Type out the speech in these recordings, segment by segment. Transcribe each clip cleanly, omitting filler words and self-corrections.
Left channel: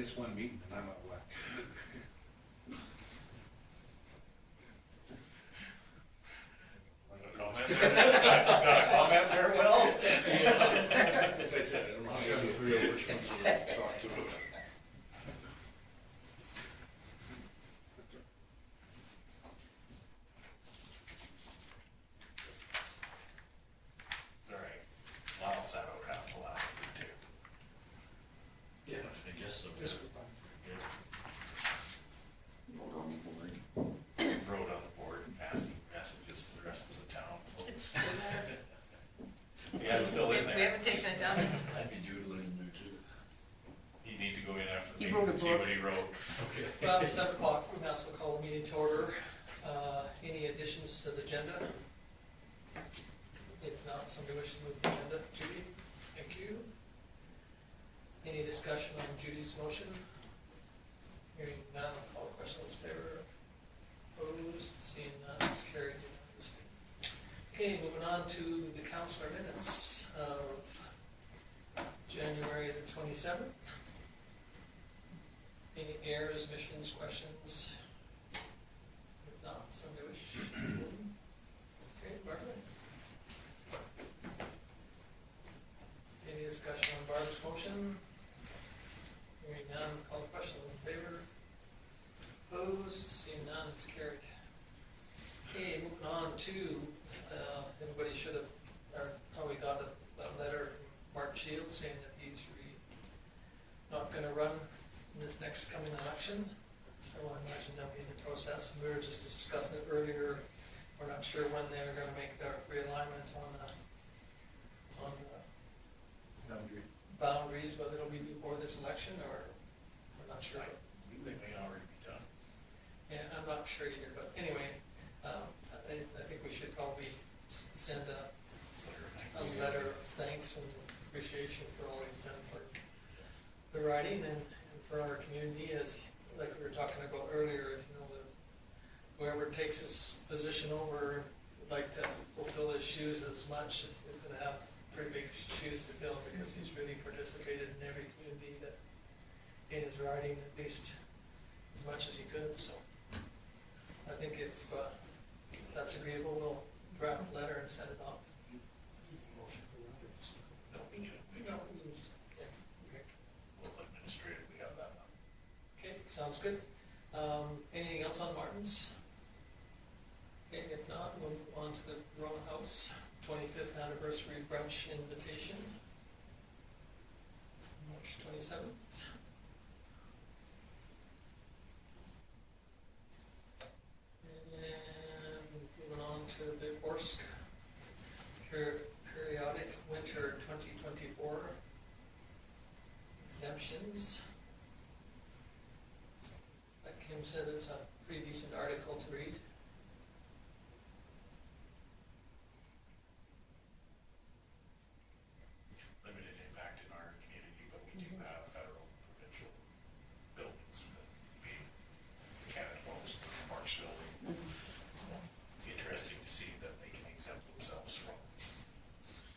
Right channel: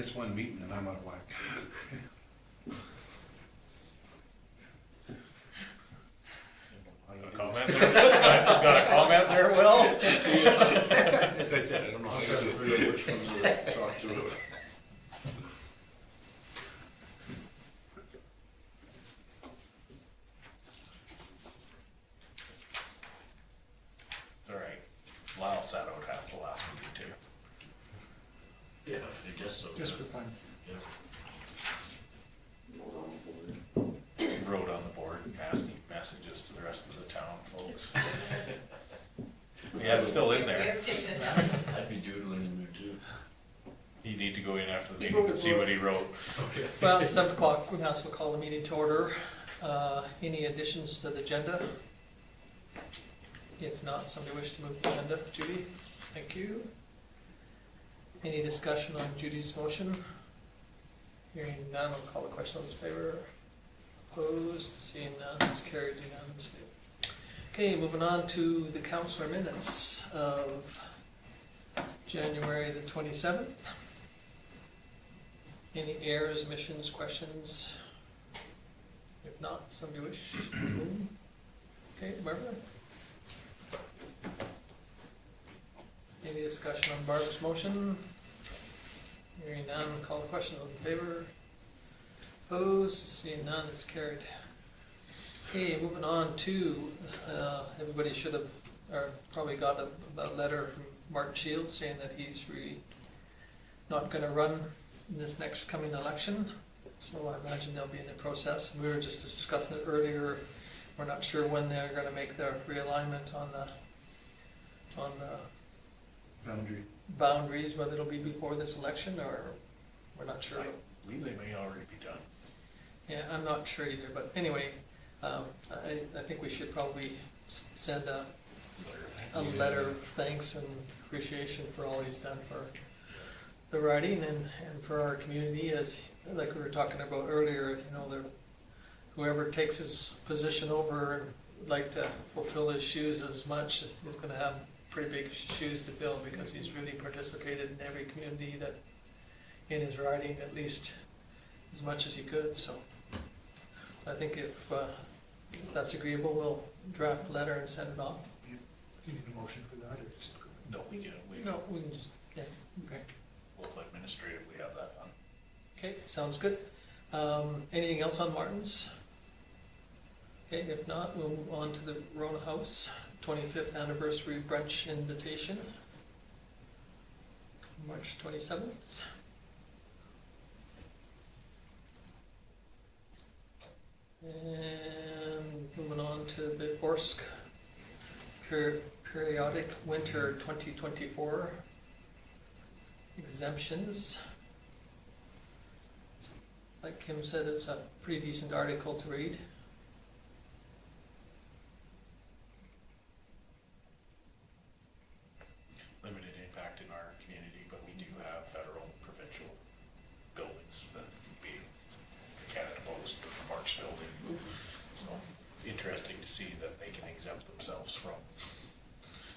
this one meeting and I'm out of whack. Comment there? Got a comment there, Will? As I said, I don't know how I'll to try to do figure out which ones to talk to. It's alright. Lyle sat out half the last meeting too. Yeah, I guess so. Just for fun. Yeah. Vote on the board. He wrote on the board nasty messages to the rest of the town folks. Yeah, it's still in We there. haven't taken it down. I'd be doodling in there too. You need to go in after the He meeting wrote and a see book. what he wrote. Okay. Well, it's 7 o'clock, we might as well call the meeting to order. Any additions to the agenda? If not, somebody wish to move the agenda. Judy, thank you. Any discussion on Judy's motion? Hearing none, I'll call the question. All those in favor? Opposed? Seeing none, it's carried unanimously. Okay, moving on to the councilor minutes of January the 27th. Any errors, omissions, questions? If not, somebody wish. Okay, Barbara? Any discussion on Barbara's motion? Hearing none, call the question. All in favor? Opposed? Seeing none, it's carried. Okay, moving on to, everybody should have, or probably got a letter from Martin Shields saying that he's not gonna run in this next coming election. So I imagine they'll be in the process. We were just discussing it earlier. We're not sure when they're gonna make their realignment on the boundary. boundaries, whether it'll be before this election or we're not sure. I believe they may already be done. Yeah, I'm not sure either, but anyway, I think we should probably send a letter of thanks and appreciation for all he's done for the writing and for our community, as like we were talking about earlier, you know, whoever takes his position over and would like to fulfill his shoes as much, is gonna have pretty big shoes to fill, because he's really participated in every community that, in his writing, at least as much as he could, so. I think if that's agreeable, we'll draft a letter and send it off. Do you need a motion for that or just? No, we can, No, we can just, yeah, Okay. we'll administratively have that done. okay, sounds good. Anything else on Martin's? Okay, if not, we'll move on to the Rona House 25th anniversary brunch invitation. March 27th. And moving on to the Orsk periodic winter 2024 exemptions. Like Kim said, it's a pretty decent article to read. Limited impact in our community, but we do have federal, provincial buildings that being the Canada Post, the Marks Building. So it's interesting to see that they can exempt themselves from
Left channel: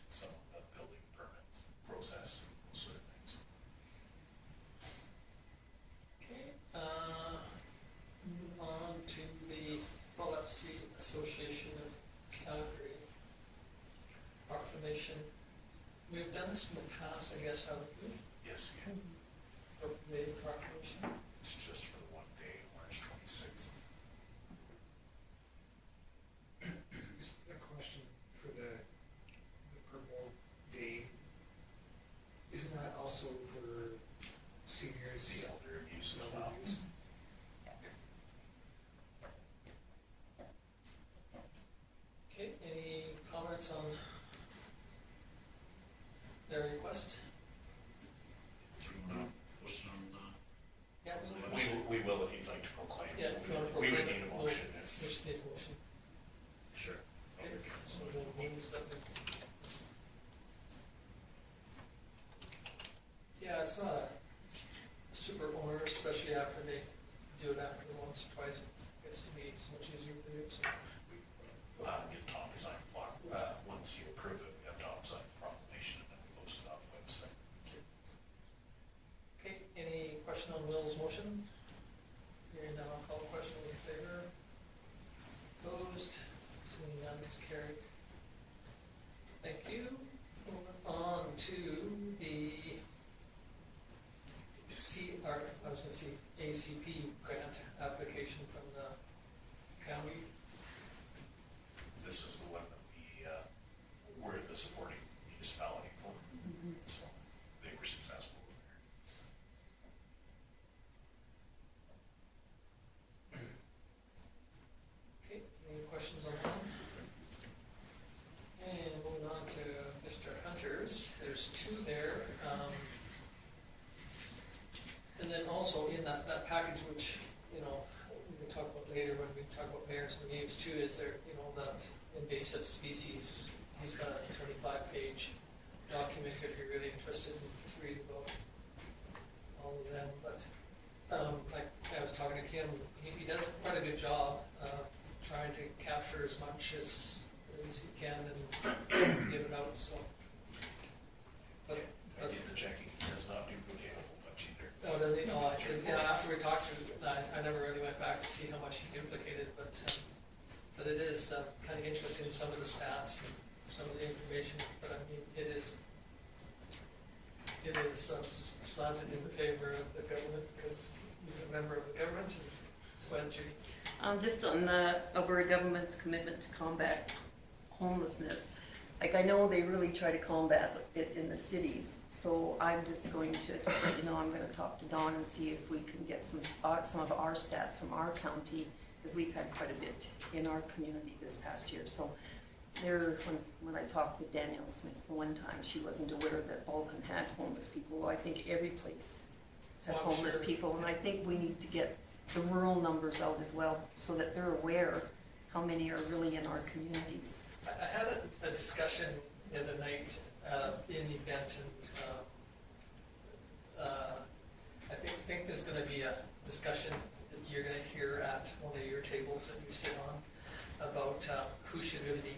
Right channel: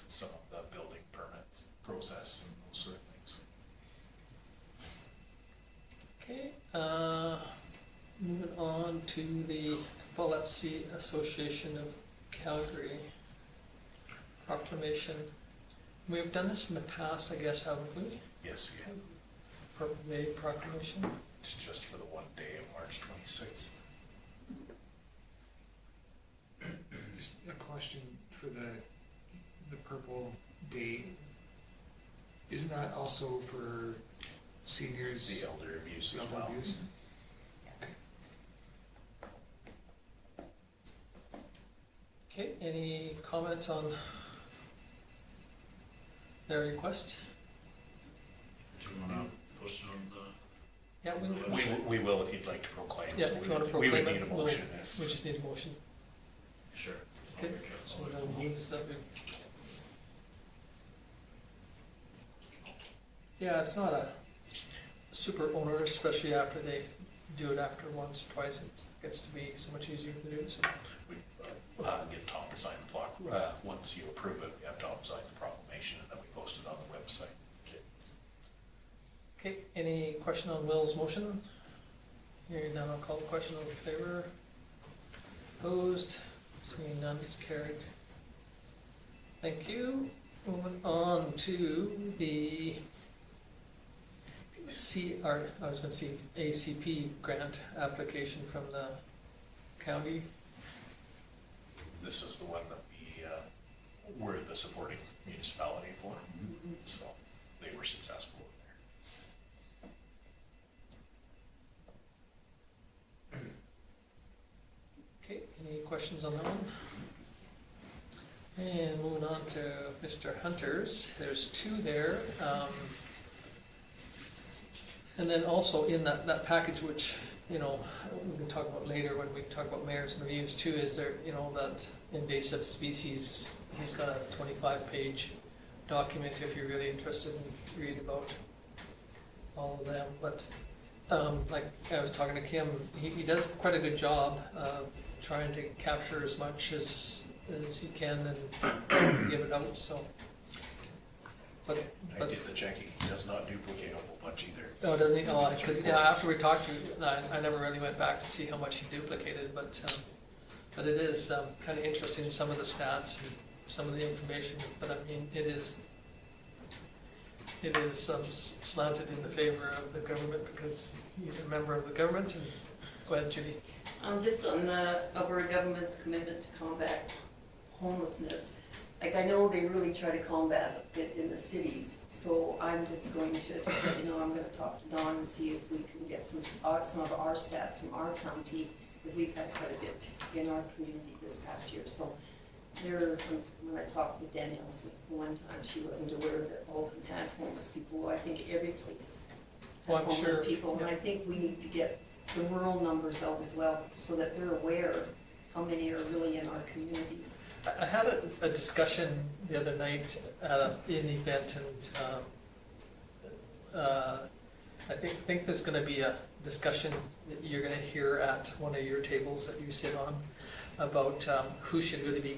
some of the building permits process and those sort of things. Okay, moving on to the Epilepsy Association of Calgary proclamation. We've done this in the past, I guess, haven't we? Yes, yeah, Purple Day proclamation. it's just for the one day of March 26th. Just a question for the Purple Day. Isn't that also for seniors? The elder abuse as elder well. abuse? Okay, any comments on their request? Do you wanna post it on the? Yeah, We will if you'd like to proclaim. Yeah, so if we you wanna would- We proclaim would it, need a we'll- motion if. we just need a motion. Sure. Okay, so the moves that we. Yeah, it's not a super onerous, especially after they do it after once, twice, it gets to be so much easier to do, so. Get Tom to sign the block. Once you approve it, we have Tom sign the proclamation and then we post it on the website. Okay, any question on Will's motion? Hearing none, I'll call the question. All in favor? Opposed? Seeing none, it's carried. Thank you. Moving on to the ACP grant application from the county. This is the one that we're the supporting municipality for, so they were successful in there. Okay, any questions on that one? And moving on to Mr. Hunter's, there's two there. And then also in that package, which, we can talk about later when we talk about mayors and reviews too, is there, that invasive species, he's got a 25-page document if you're really interested in reading about all of them. But like I was talking to Kim, he does quite a good job of trying to capture as much as he can and get it out, so. But I did the checking, he does not duplicate a whole bunch either. oh, doesn't he? Oh, because after we talked to, I never really went back to see how much he duplicated, but it is kind of interesting, some of the stats and some of the information. But I mean, it is slanted in the favor of the government because he's a member of the government. And go ahead, Judy. Just on the Alberta government's commitment to combat homelessness, like I know they really try to combat it in the cities, so I'm just going to let you know I'm going to talk to Dawn and see if we can get some of our stats from our county, because we've had quite a bit in our community this past year. So when I talked with Danielle Smith the one time, she wasn't aware that Vulcan had homeless people. Well, I think every place has Well, I'm homeless sure, people, and yeah. I think we need to get the rural numbers out as well, so that they're aware how many are really in our communities. I had a discussion the other night in an event, and I think there's going to be a discussion that you're going to hear at one of your tables that you sit on about who should really be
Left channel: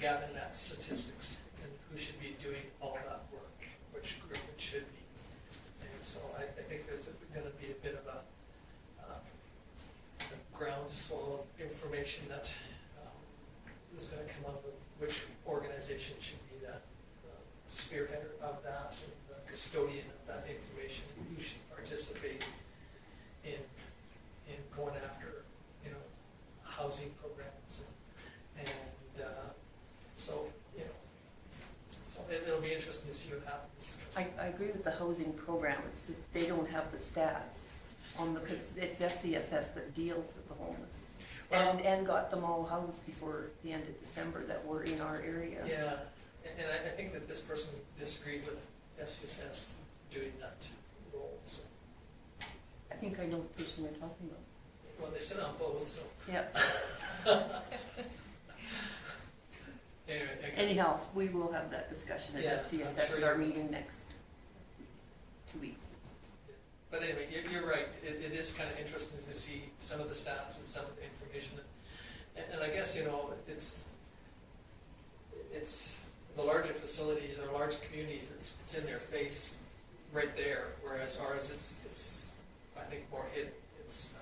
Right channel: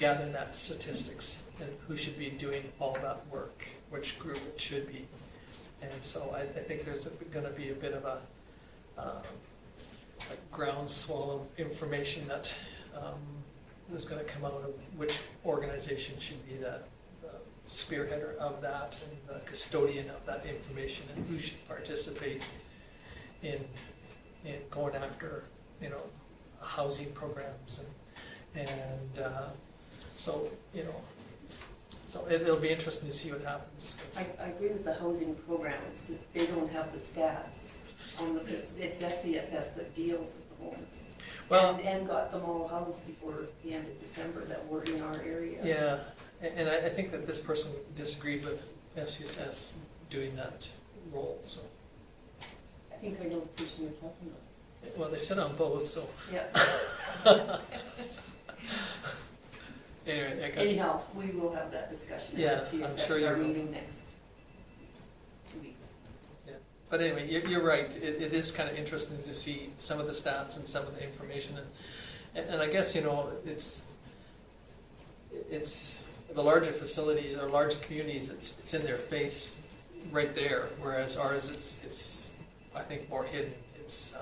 gathering that statistics and who should be doing all that work, which group it should be. And so I think there's going to be a bit of a groundswell of information that is going to come out of which organization should be the spearheader of that and the custodian of that information, and who should participate in going after housing programs and so so it'll be interesting to see what happens. I agree with the housing program. It's just, they don't have the stats on it's FCSS that deals with the homeless. Well- And got them all housed before the end of December that were in our area. Yeah, and I think that this person disagreed with FCSS doing that role, so. I think I know the person you're talking about. Well, they sit on both, so. Yeah. Anyway, I got, Anyhow, we will have that discussion Yeah, at I'm CSS sure at our you will. meeting next 2 weeks. but anyway, you're right. It is kind of interesting to see some of the stats and some of the information, and I guess it's the larger facilities or larger communities. It's in their face, right there. Whereas ours, it's I think more hidden. It's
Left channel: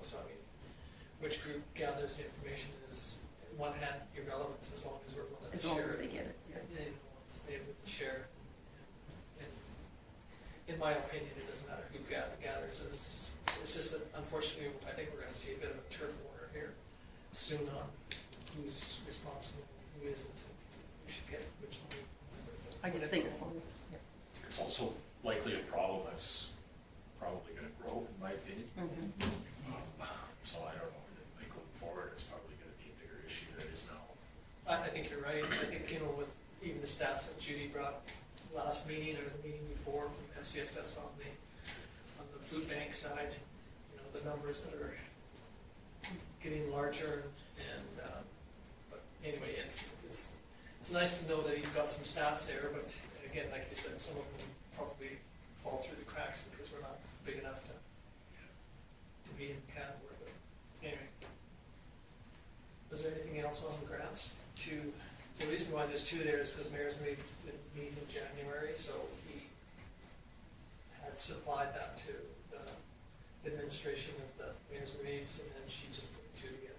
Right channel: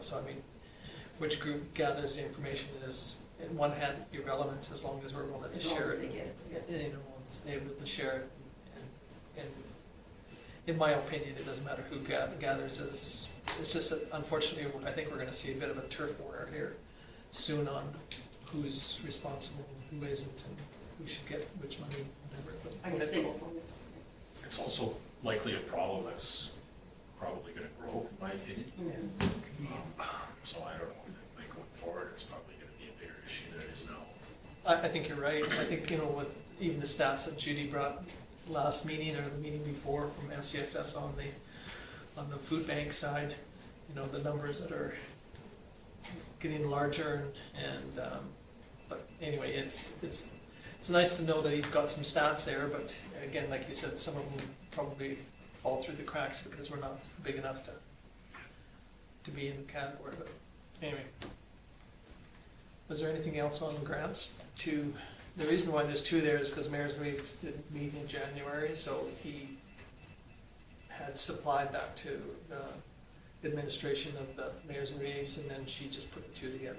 so I mean, which group gathers the information is, in one hand, irrelevant as long as we're willing to As long share as they it. get it. Yeah. It's able to share it, and in my opinion, it doesn't matter who gathers. It's just that unfortunately, I think we're going to see a bit of a turf war here soon on who's responsible and who isn't, and who should get which money. Whatever. But I just think as long as, It's also likely a problem that's probably gonna grow, in my opinion. So I don't know, I think going forward, it's probably gonna be a bigger issue than it is now. I think you're right. I think, with even the stats that Judy brought last meeting or the meeting before from FCSS on the food bank side, the numbers that are getting larger and but anyway, it's nice to know that he's got some stats there, but again, like you said, some of them probably fall through the cracks because we're not big enough to be in the category, but anyway. Was there anything else on grants? The reason why there's two there is because Mayor's Meeting didn't meet in January, so he had had supplied that to the administration of the Mayor's and Raves, and then she just put the two together.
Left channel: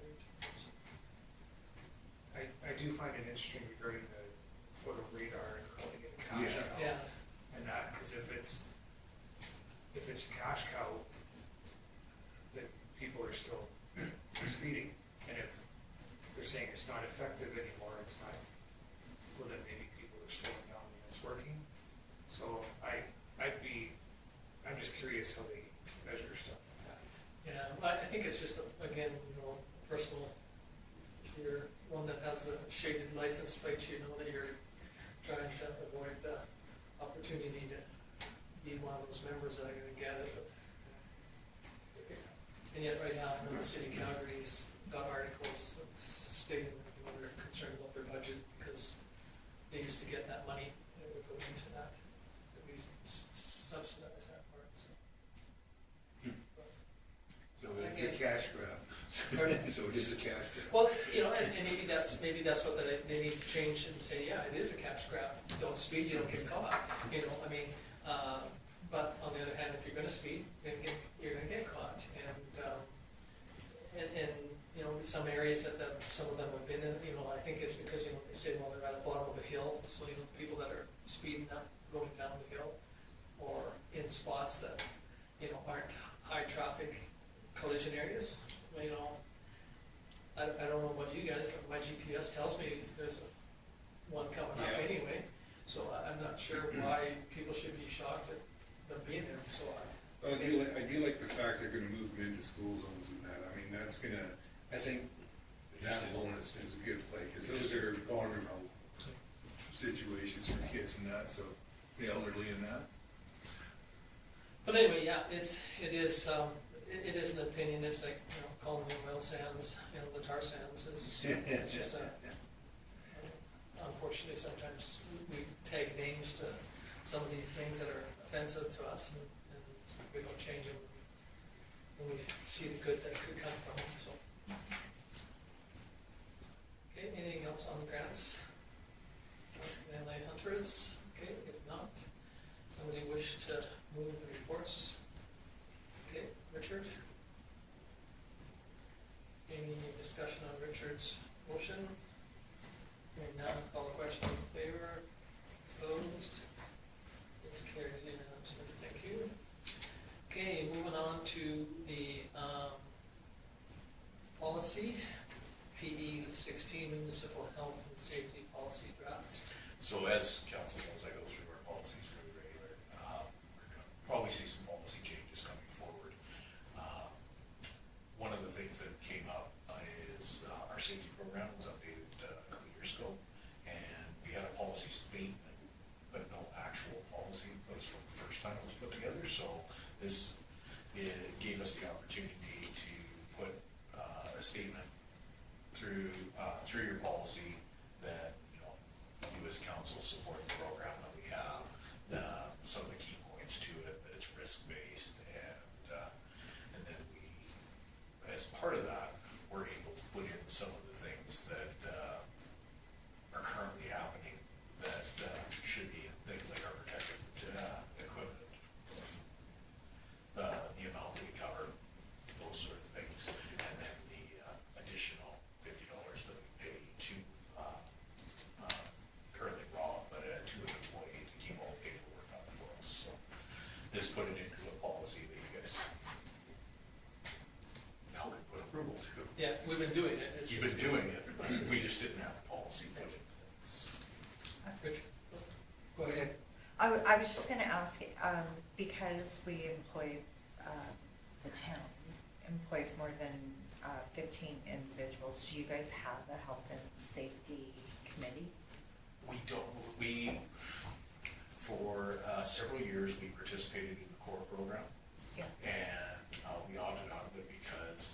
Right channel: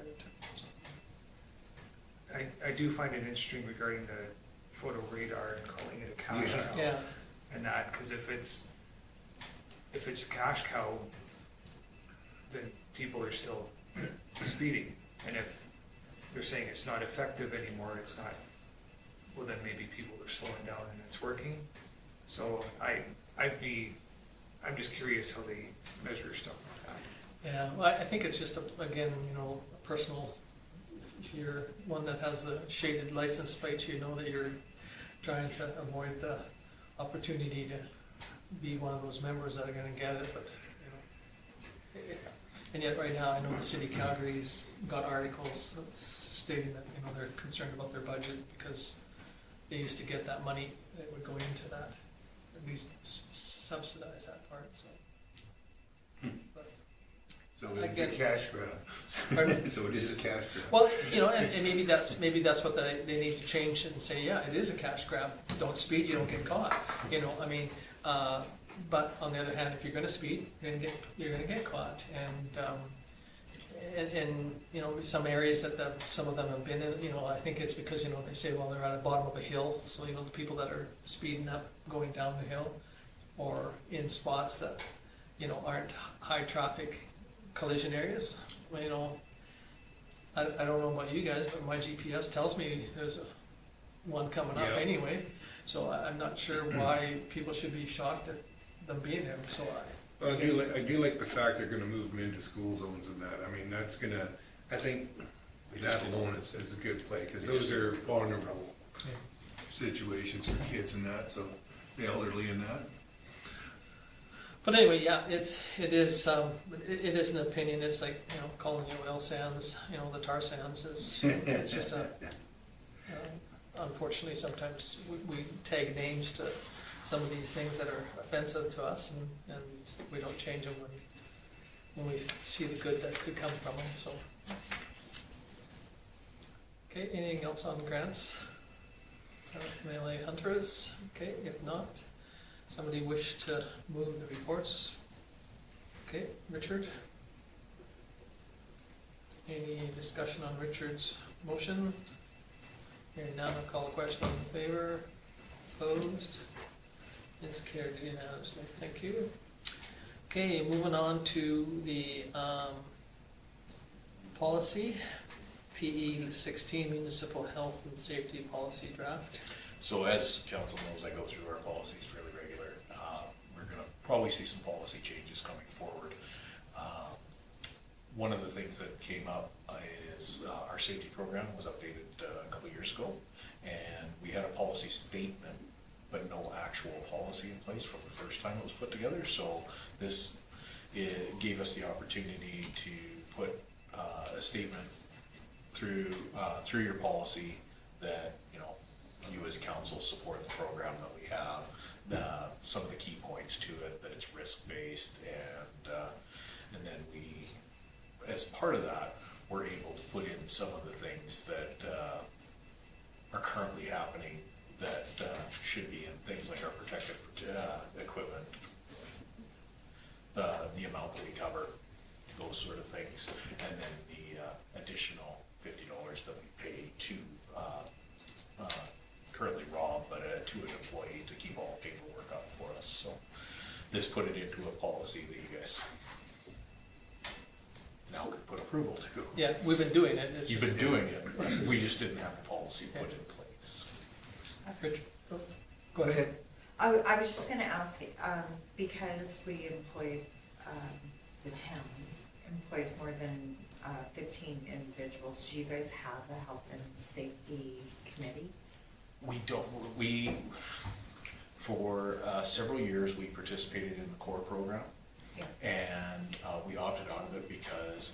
I do find it interesting regarding the photo radar and calling it a cash Yeah. cow. Yeah, And that, because if it's a cash cow, then people are still speeding. And if they're saying it's not effective anymore, it's not, well, then maybe people are slowing down and it's working. So I'm just curious how they measure stuff like that. yeah, well, I think it's just, again, a personal, if you're one that has the shaded license plate, you know that you're trying to avoid the opportunity to be one of those members that are gonna get it, but, and yet right now, I know the city of Calgary's got articles stating that, they're concerned about their budget because they used to get that money that would go into that, at least subsidize that part, so. So it's a Again. cash grab. Pardon? So it is a cash grab. Well, and maybe that's what they need to change and say, yeah, it is a cash grab. Don't speed, you don't get caught. But on the other hand, if you're going to speed, you're going to get caught. And some areas that some of them have been in, I think it's because they say, well, they're at the bottom of a hill, so the people that are speeding up, going down the hill, or in spots that aren't high traffic collision areas. I don't know about you guys, but my GPS tells me there's one coming up Yeah. anyway. So I'm not sure why people should be shocked at them being there. So Well, I do like the fact they're gonna move them into school zones and that, I mean, that's gonna, I think that alone is a good play, cause those are vulnerable situations for kids and that, so the elderly and that. But anyway, yeah, it is an opinion. It's like calling the oil sands, the tar sands is. It's just unfortunately sometimes we tag names to some of these things that are offensive to us, and we don't change them when we see the good that could come from them. So, okay, anything else on grants? Melee hunters. Okay, if not. Somebody wish to move the reports? Okay, Richard? Any discussion on Richard's motion? Hearing none, I'll call the question in favor. Opposed? It's carried unanimously. Thank you. Okay, moving on to the policy, PE 16 Municipal Health and Safety Policy Draft. So as council knows, I go through our policies fairly regular. We're gonna probably see some policy changes coming forward. One of the things that came up is our safety program was updated a couple years ago, and we had a policy statement, but no actual policy in place from the first time it was put together. So this gave us the opportunity to put a statement through your policy that you as council support the program that we have, some of the key points to it, that it's risk-based, and then we, as part of that, we're able to put in some of the things that are currently happening that should be in things like our protective equipment, the amount that we cover, those sort of things, and then the additional $50 that we pay to currently Rob, but to an employee to keep all paperwork up for us. So this put it into a policy that you guys now could put approval to. Yeah, we've been doing it. It's You've just- been doing it, it's just- we just didn't have the policy put in place. Richard, go ahead. I was just gonna ask, because we employ, the town employs more than 15 individuals, do you guys have a health and safety committee? We don't, for several years, we participated in the core program. Yeah. And we opted out of it because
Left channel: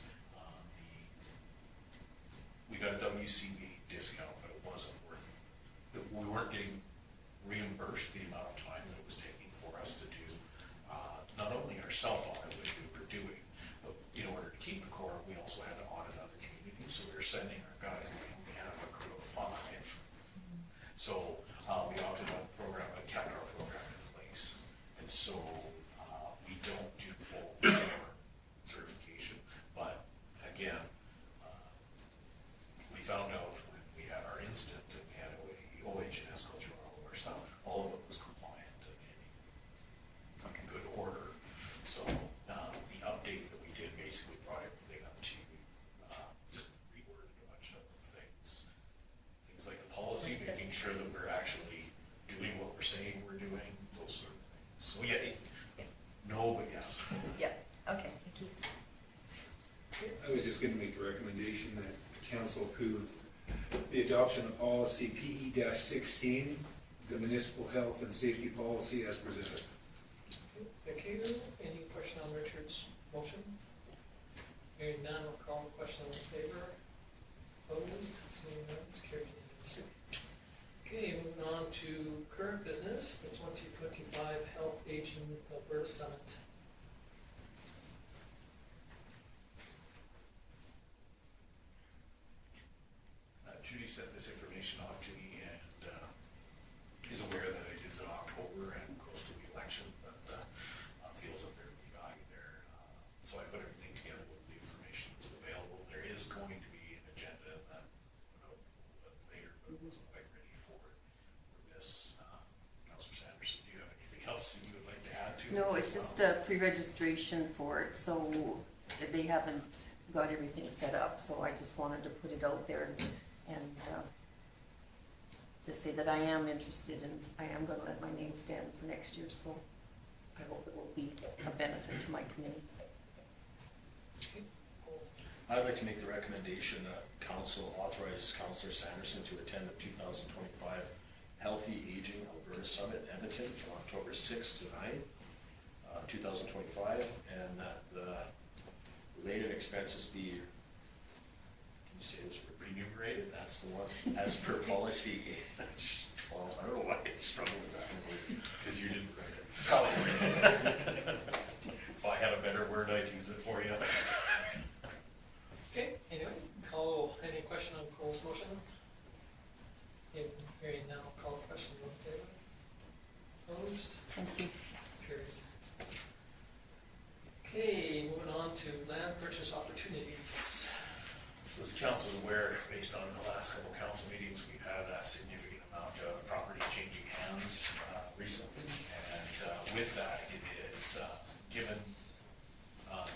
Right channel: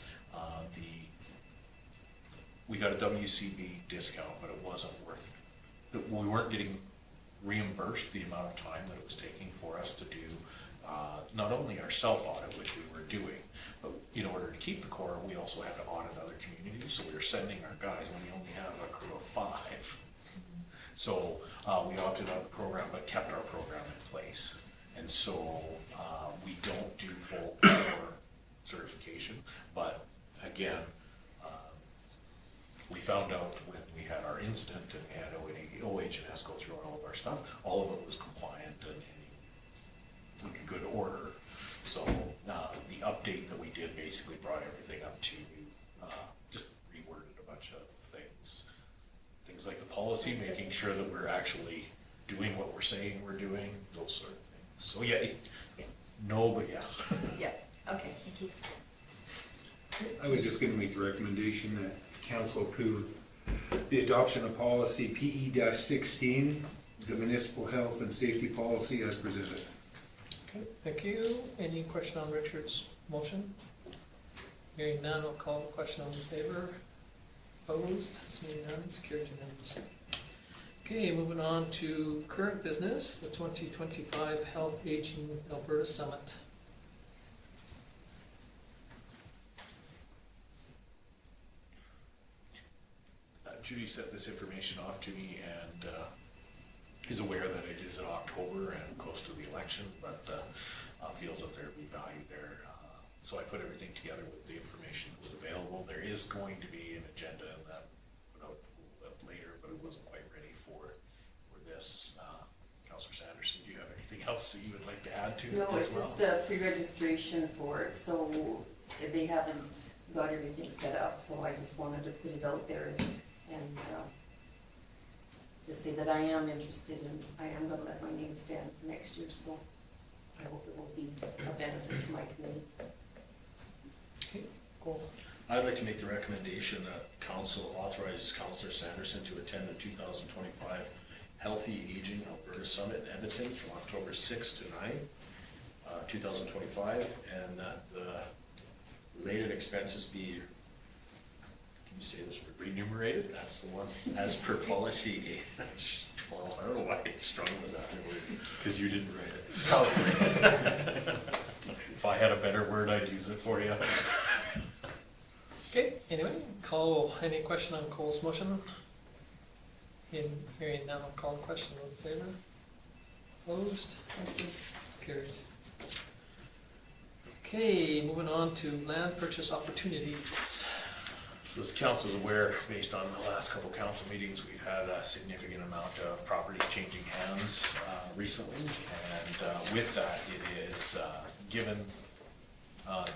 we got a WCB discount, but it wasn't worth, we weren't getting reimbursed the amount of time that it was taking for us to do not only our self-audit, which we were doing, but in order to keep the core, we also had to audit other communities, so we were sending our guys, and we only have a crew of 5. So we opted out of the program, but kept our program in place. And so again, we found out when we had our incident and we had OH&S go through all of our stuff, all of it was compliant and in good order. So the update that we did basically brought everything up to, just reworded a bunch of things. Things like the policy, making sure that we're actually doing what we're saying we're doing, those sort of things. So yeah, no, but yes. Yeah, okay, thank you. I was just gonna make the recommendation that council approve the adoption of policy PE-16, the municipal health and safety policy as presented. Okay, thank you. Any question on Richard's motion? Hearing none, I'll call the question on the favor. Opposed? Seeing none, it's carried unanimously. Okay, moving on to current business, the 2025 Health Aging Alberta Summit. Judy sent this information off to me and is aware that it is in October and close to the election, but feels that there'd be value there. So I put everything together with the information that was available. There is going to be an agenda that put out a little bit later, but it wasn't quite ready for this. Councillor Sanderson, do you have anything else that you would like to add to it No, as it's well? just a pre-registration for it, so they haven't got everything set up, so I just wanted to put it out there and just say that I am interested and I am gonna let my name stand for next year, so I hope it will be a benefit to my committee. Okay, cool. I'd like to make the recommendation that council authorize Councillor Sanderson to attend the 2025 Healthy Aging Alberta Summit in Edmonton from October 6 to 9, 2025, and that the related expenses be, can you say this, Remunerated? that's the one, as per policy. Well, I don't know why I struggle with that word. Because you didn't write it. Probably. If I had a better word, I'd use it for you. Okay, anyway, call, any question on Cole's motion? In hearing none, I'll call the question in favor. Opposed? Thank you. It's carried. Okay, moving on to land purchase opportunities. So as council is aware, based on the last couple council meetings, we've had a significant amount of properties changing hands recently. And with that, it is given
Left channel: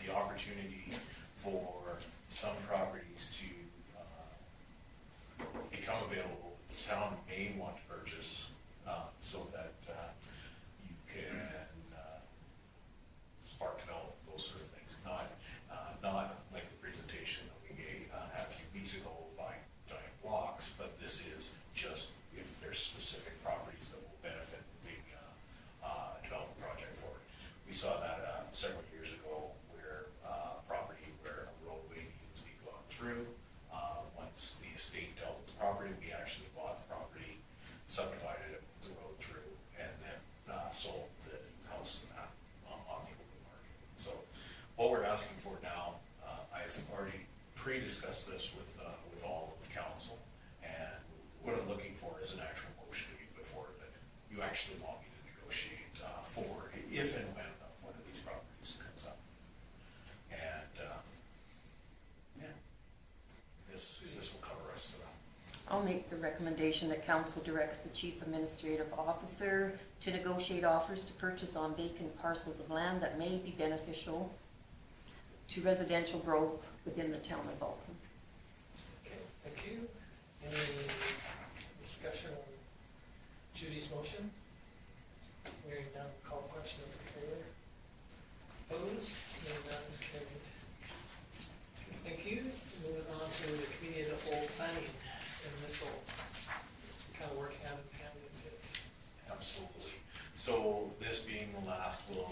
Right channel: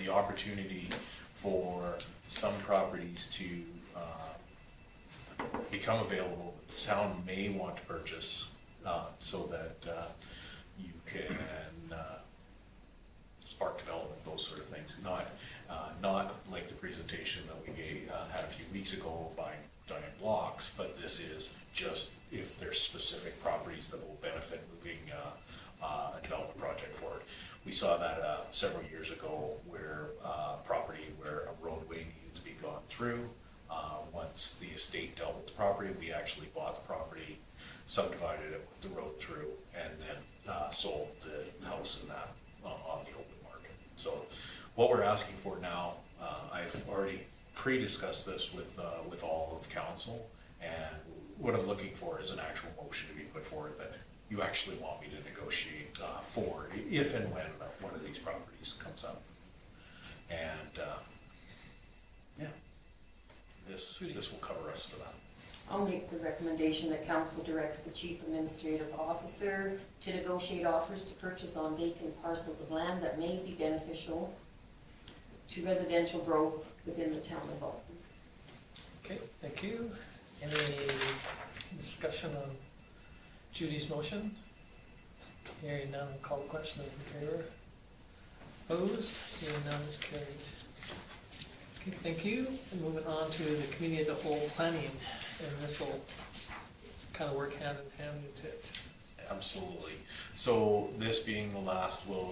the opportunity for some properties to become available that the town may want to purchase so that you can spark development, those sort of things. Not like the presentation that we had a few weeks ago buying giant blocks, but this is just if there's specific properties that will benefit moving a development project forward. We saw that several years ago where property where a roadway needed to be gone through. Once the estate dealt with the property, we actually bought the property, subdivided it with the road through, and then sold the house in that on the open market. So what we're asking for now, I've already pre-discussed this with all of council, and what I'm looking for is an actual motion to be put forward that you actually want me to negotiate for if and when one of these properties comes up. And yeah, this will cover us for that. I'll make the recommendation that council directs the chief administrative officer to negotiate offers to purchase on vacant parcels of land that may be beneficial to residential growth within the town of Alton. Okay, thank you. Any discussion on Judy's motion? Hearing none, call the question, those in favor. Opposed? Seeing none, is carried. Okay, thank you. Moving on to the committee of the whole planning, and this will kind of work hand in hand with it. Absolutely. So this being the last, we'll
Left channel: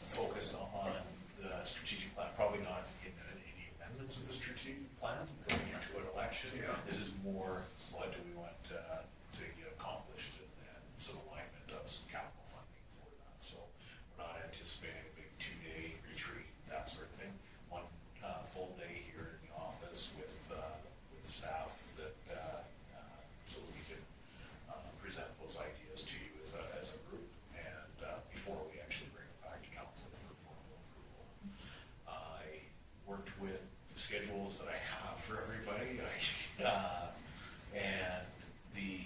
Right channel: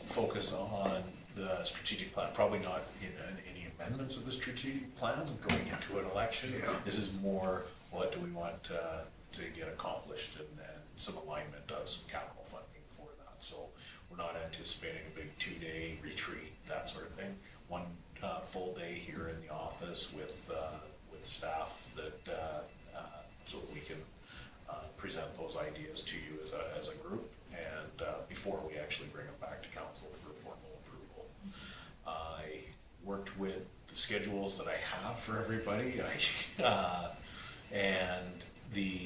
focus on the strategic plan, probably not in any amendments of the strategic plan going into an election. Yeah. This is more what do we want to get accomplished and some alignment of some capital funding for that. So we're not anticipating a big 2-day retreat, that sort of thing. One full day here in the office with staff that so that we can present those ideas to you as a group, and before we actually bring them back to council for formal approval. I worked with the schedules that I have for everybody. And the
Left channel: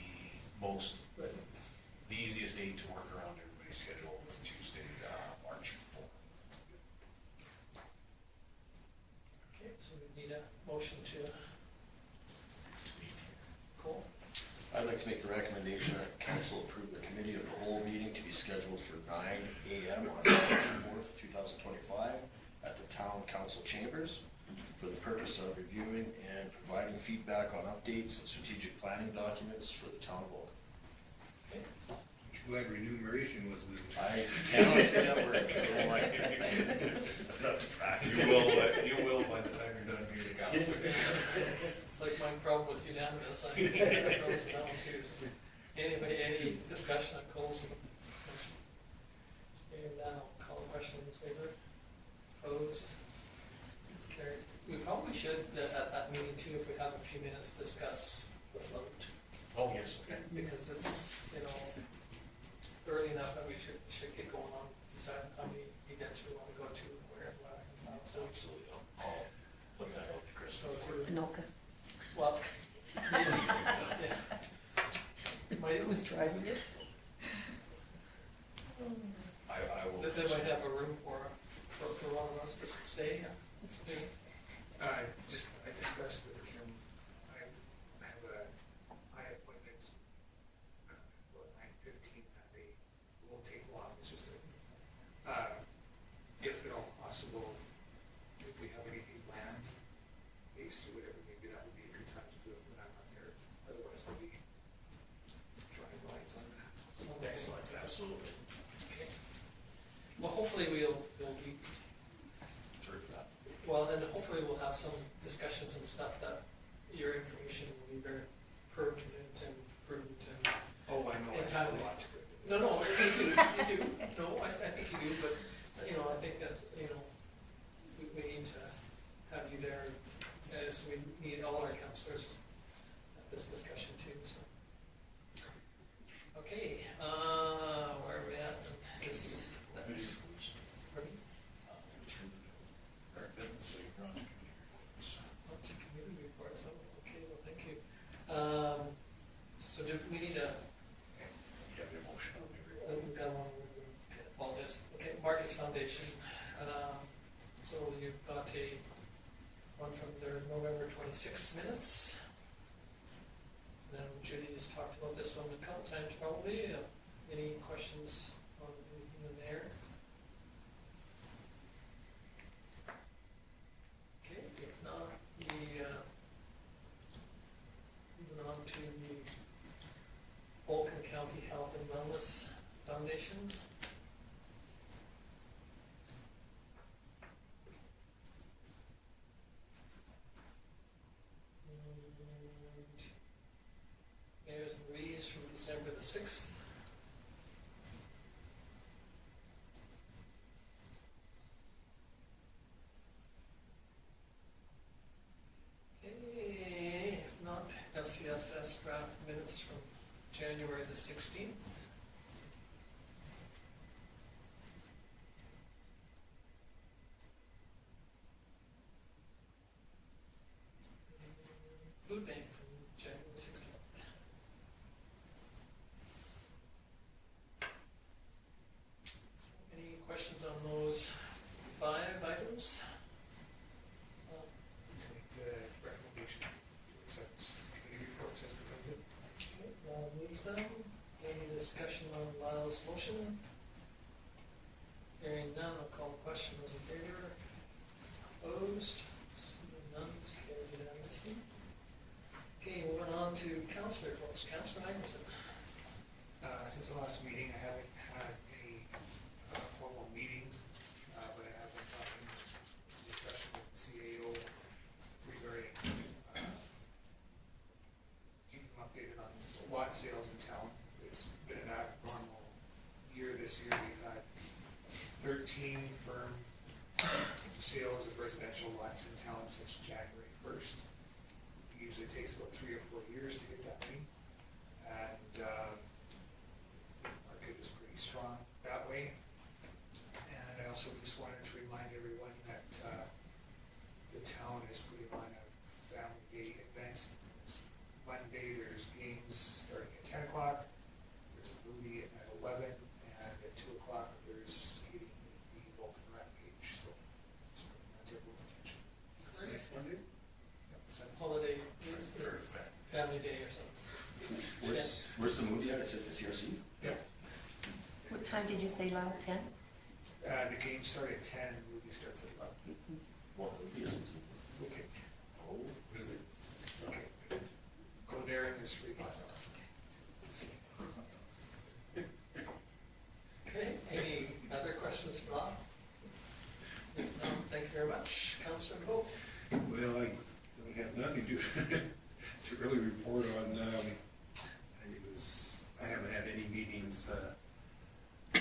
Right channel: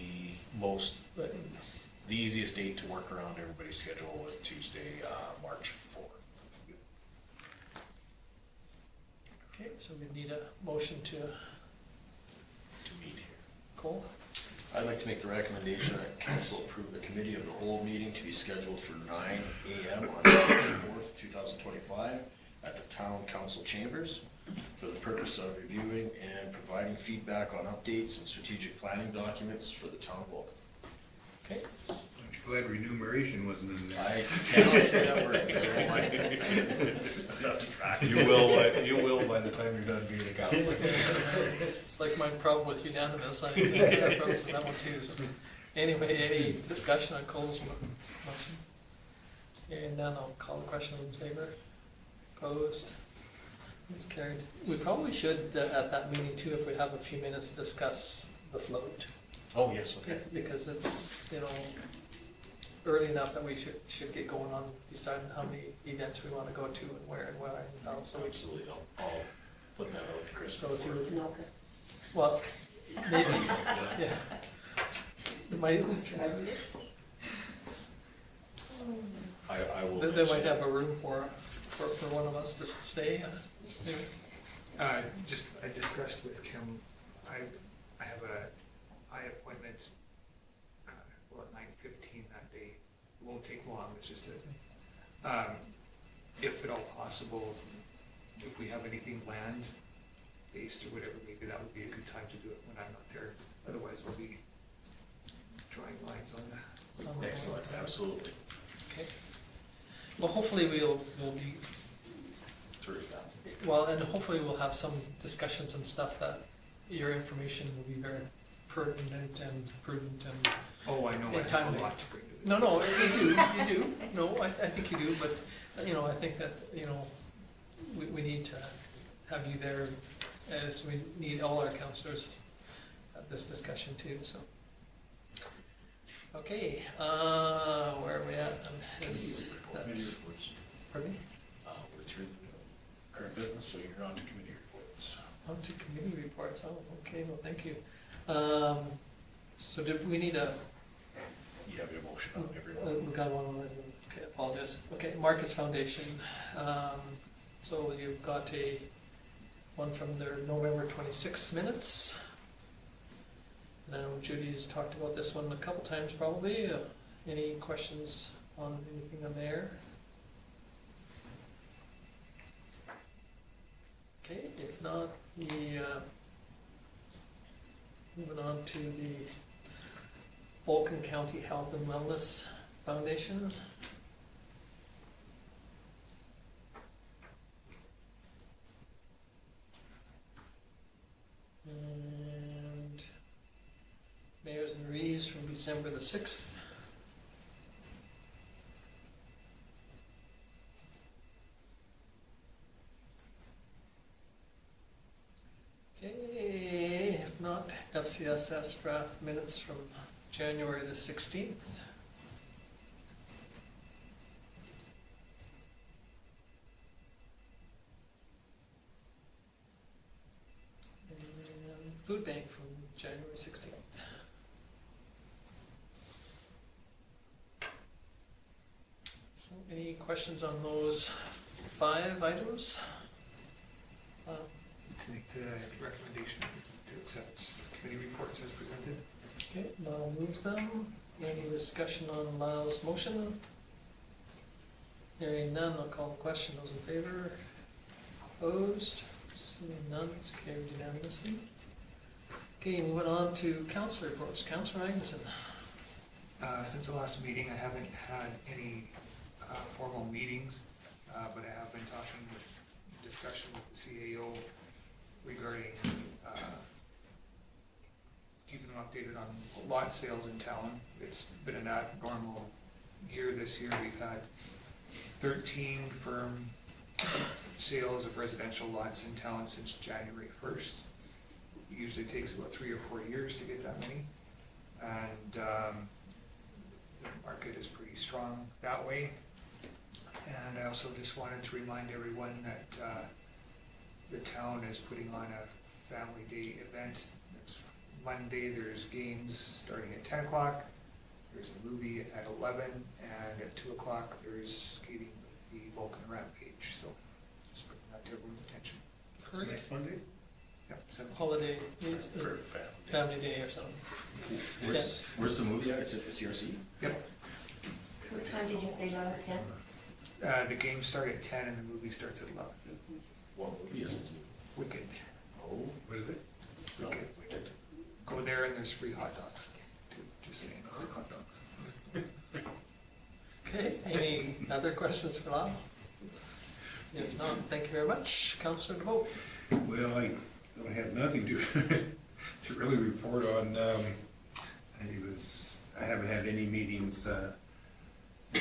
easiest date to work around everybody's schedule was Tuesday, March 4th. Okay, so we need a motion to To meet here. Cole. I'd like to make the recommendation that council approve the committee of the whole meeting to be scheduled for 9 AM on March 4th, 2025 at the town council chambers for the purpose of reviewing and providing feedback on updates and strategic planning documents for the town of Vulcan. Okay, Aren't you glad remuneration wasn't in there? I cannot say that word. Enough to practice. You will by the time you're done being a counselor. it's like my problem with unanimous, I have problems with that one too, so. Anyway, any discussion on Cole's motion? And then I'll call the question in favor, opposed, it's carried. We probably should, at that meeting too, if we have a few minutes, discuss the float. Oh, yes, okay. Because it's, early enough that we should get going on deciding how many events we wanna go to and where and when and how, so. Absolutely, I'll put that out to Chris. So if you would, Anoka. well, maybe, yeah. Who's driving it? I will. They might have a room for one of us to stay, maybe. I discussed with Kim, I have a eye appointment, at 9:15 that day. It won't take long, it's just if at all possible, if we have anything land-based or whatever, maybe that would be a good time to do it when I'm not there. Otherwise, I'll be drawing lines on that. Excellent, absolutely. Okay. Well, hopefully we'll be, Through that. well, and hopefully we'll have some discussions and stuff that your information will be very pertinent and prudent and, Oh, I know, I have timely. a lot to bring to this. no, you do, no, I think you do, but, I think that, we need to have you there, as we need all our counselors at this discussion too, so. Okay, where are we at? Committee reports. Pardon me? We're through current business, so you're on to committee reports. On to committee reports, oh, okay, well, thank you. So do we need a, You have your motion on everyone. we got one already, okay, apologize. Okay, Marcus Foundation, so you've got one from their November 26th minutes. Now Judy's talked about this one a couple times probably, any questions on anything on there? Okay, if not, moving on to the Vulcan County Health and Wellness Foundation. And Mayors and Reeves from December the 6th. Okay, if not, FCSS draft minutes from January the 16th. And food bank from January 16th. So any questions on those 5 items? To make the recommendation to accept committee reports as presented. Okay, Lyle moves them. Any discussion on Lyle's motion? Hearing none, I'll call the question. Those in favor? Opposed? Seeing none, it's carried unanimously. Okay, moving on to council reports. Councilor Agneson. Since the last meeting, I haven't had any formal meetings, but I have been talking, discussion with the CAO regarding keeping them updated on lot sales in town. It's been an abnormal year this year. We've had 13 firm sales of residential lots in town since January 1st. It usually takes about 3 or 4 years to get that many. And the market is pretty strong that way. And I also just wanted to remind everyone that the town is putting on a family day event. It's Monday, there's games starting at 10 o'clock, there's a movie at 11, and at 2 o'clock, there's skating with the Vulcan Rampage, so just bringing that to everyone's attention. It's next Monday? Yep, 17. Holiday, is For the family. family day or something. Where's the movie at? Is it the CRC? Yep, What time did you say, Lana? 10? the games start at 10 and the movie starts at 11. What movie is it? Wicked, Oh, What is it? wicked, wicked. Go there and there's free hot dogs. Just saying, free hot dogs. Okay, any other questions for Lyle? If not, thank you very much. Councillor DeVoe. Well, I don't have nothing to, to really report on. I haven't had any meetings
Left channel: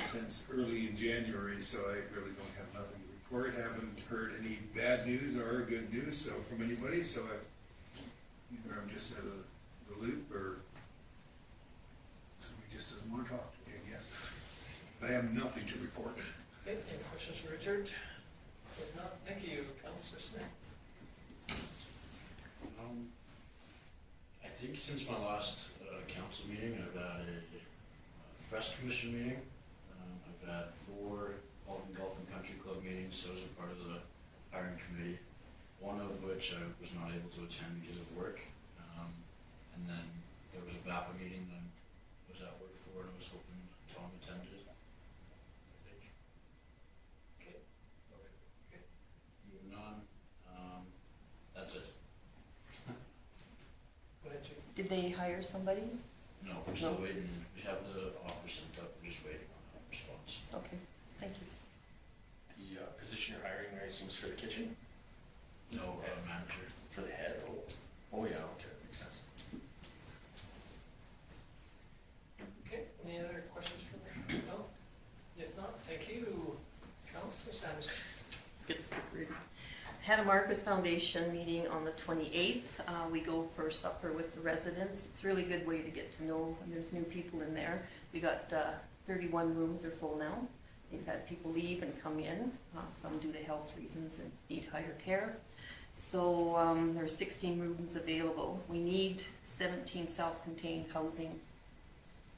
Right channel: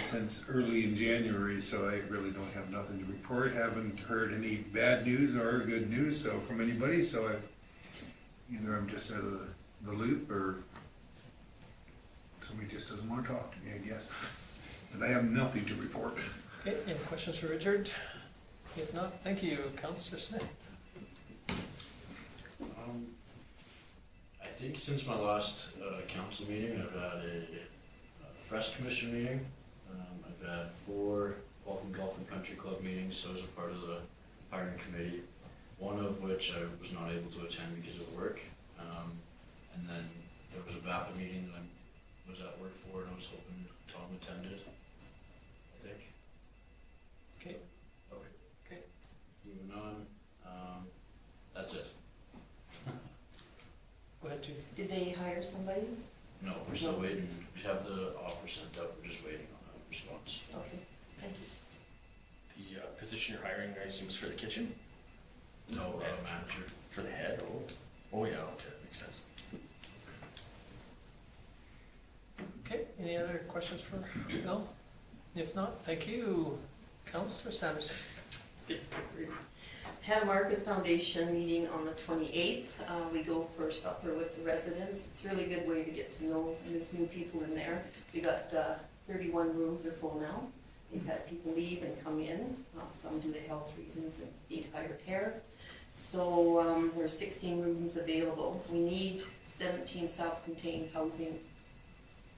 since early in January, so I really don't have nothing to report. Haven't heard any bad news or good news so from anybody, so either I'm just out of the loop or somebody just doesn't want to talk to me, I guess. But I have nothing to report. Okay, any questions for Richard? If not, thank you. Councillor Smith. I think since my last council meeting, I've had a Fresh Commission meeting. I've had 4 Vulcan Golf and Country Club meetings, so as a part of the hiring committee, one of which I was not able to attend because of work. And then there was a VAPA meeting that I was at work for, and I was hoping Tom attended, I think. Okay. Okay. Okay. Moving on, that's it. Go ahead, Judy. Did they hire somebody? No, we're still No. waiting. We have the offer sent up. We're just waiting on a response. Okay, thank you. the position you're hiring, I assume, is for the kitchen? No, manager. For the head? Oh, oh yeah, okay, that makes sense. Okay, any other questions for Bill? If not, thank you. Councillor Sanderson. Had a Marcus Foundation meeting on the 28th. We go for supper with the residents. It's a really good way to get to know, and there's new people in there. We got 31 rooms are full now. We've had people leave and come in, some due to health reasons and need higher care. So there's 16 rooms available. We need 17 self-contained housing.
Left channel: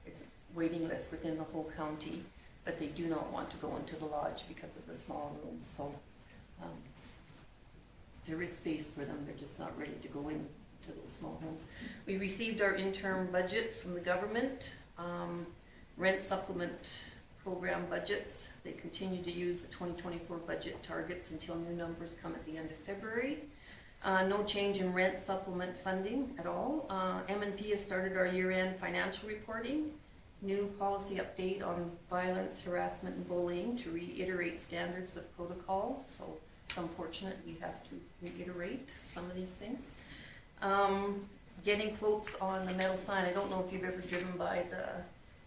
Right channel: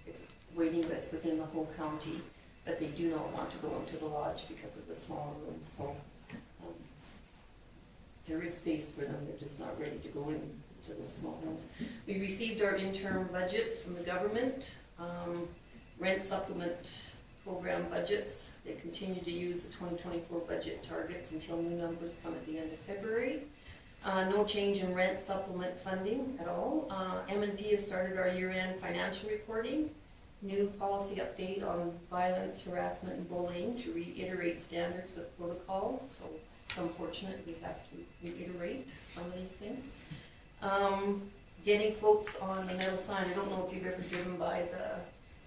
It's waiting list within the whole county, but they do not want to go into the lodge because of the small rooms. So there is space for them, they're just not ready to go into those small homes. We received our interim budget from the government, rent supplement program budgets. They continue to use the 2024 budget targets until new numbers come at the end of February. No change in rent supplement funding at all. M&P has started our year-end financial reporting. New policy update on violence, harassment, and bullying to reiterate standards of protocol. So it's unfortunate we have to reiterate some of these things. Getting quotes on the metal sign. I don't know if you've ever driven by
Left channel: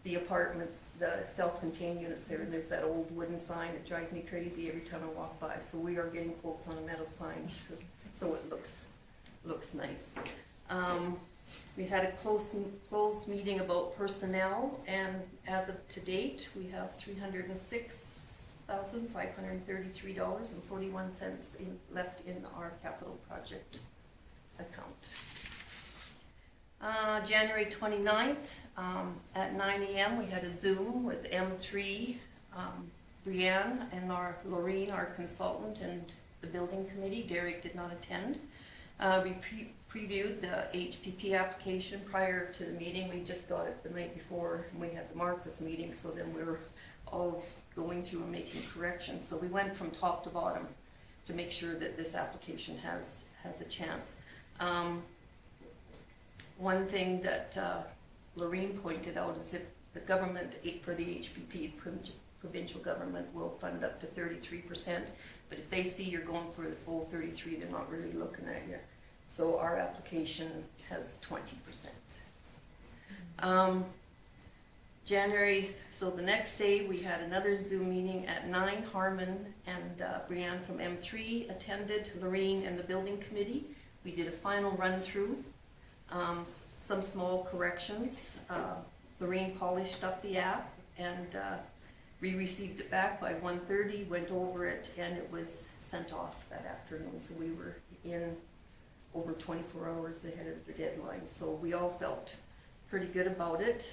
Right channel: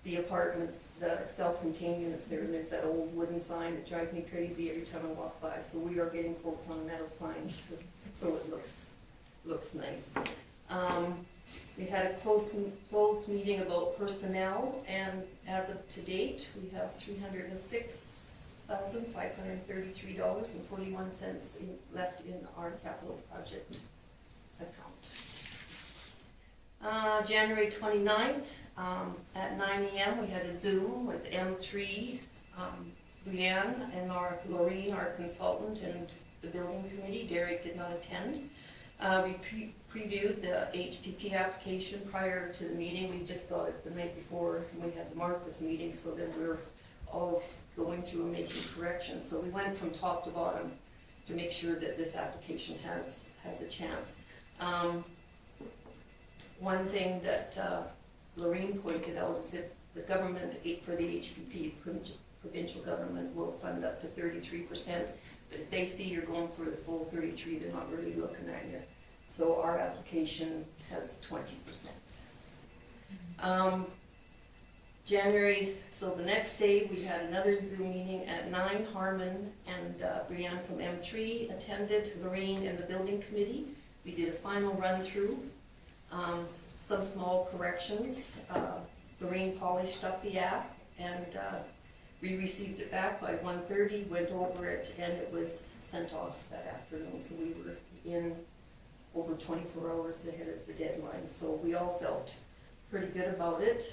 the apartments, the self-contained units there. There's that old wooden sign that drives me crazy every time I walk by. So we are getting quotes on a metal sign so it looks nice. We had a closed meeting about personnel, and as of to date, we have $306,533.41 left in our capital project account. January 29th, at 9 a.m. we had a Zoom with M3, Brianne and Laureen, our consultant, and the building committee. Derek did not attend. We previewed the HPP application prior to the meeting. We just got it the night before we had the Marcus meeting, so then we were all going through and making corrections. So we went from top to bottom to make sure that this application has a chance. One thing that Lorraine pointed out is that the government, for the HPP, provincial government will fund up to 33%, but if they see you're going for the full 33%, they're not really looking at you. So our application has 20%. So the next day we had another Zoom meeting at 9. Harmon and Brianne from M3 attended, Lorraine and the building committee. We did a final run through. Some small corrections. Lorraine polished up the app, and We received it back by 1:30, went over it, and it was sent off that afternoon, so we were in over 24 hours ahead of the deadline, so we all felt pretty good about it.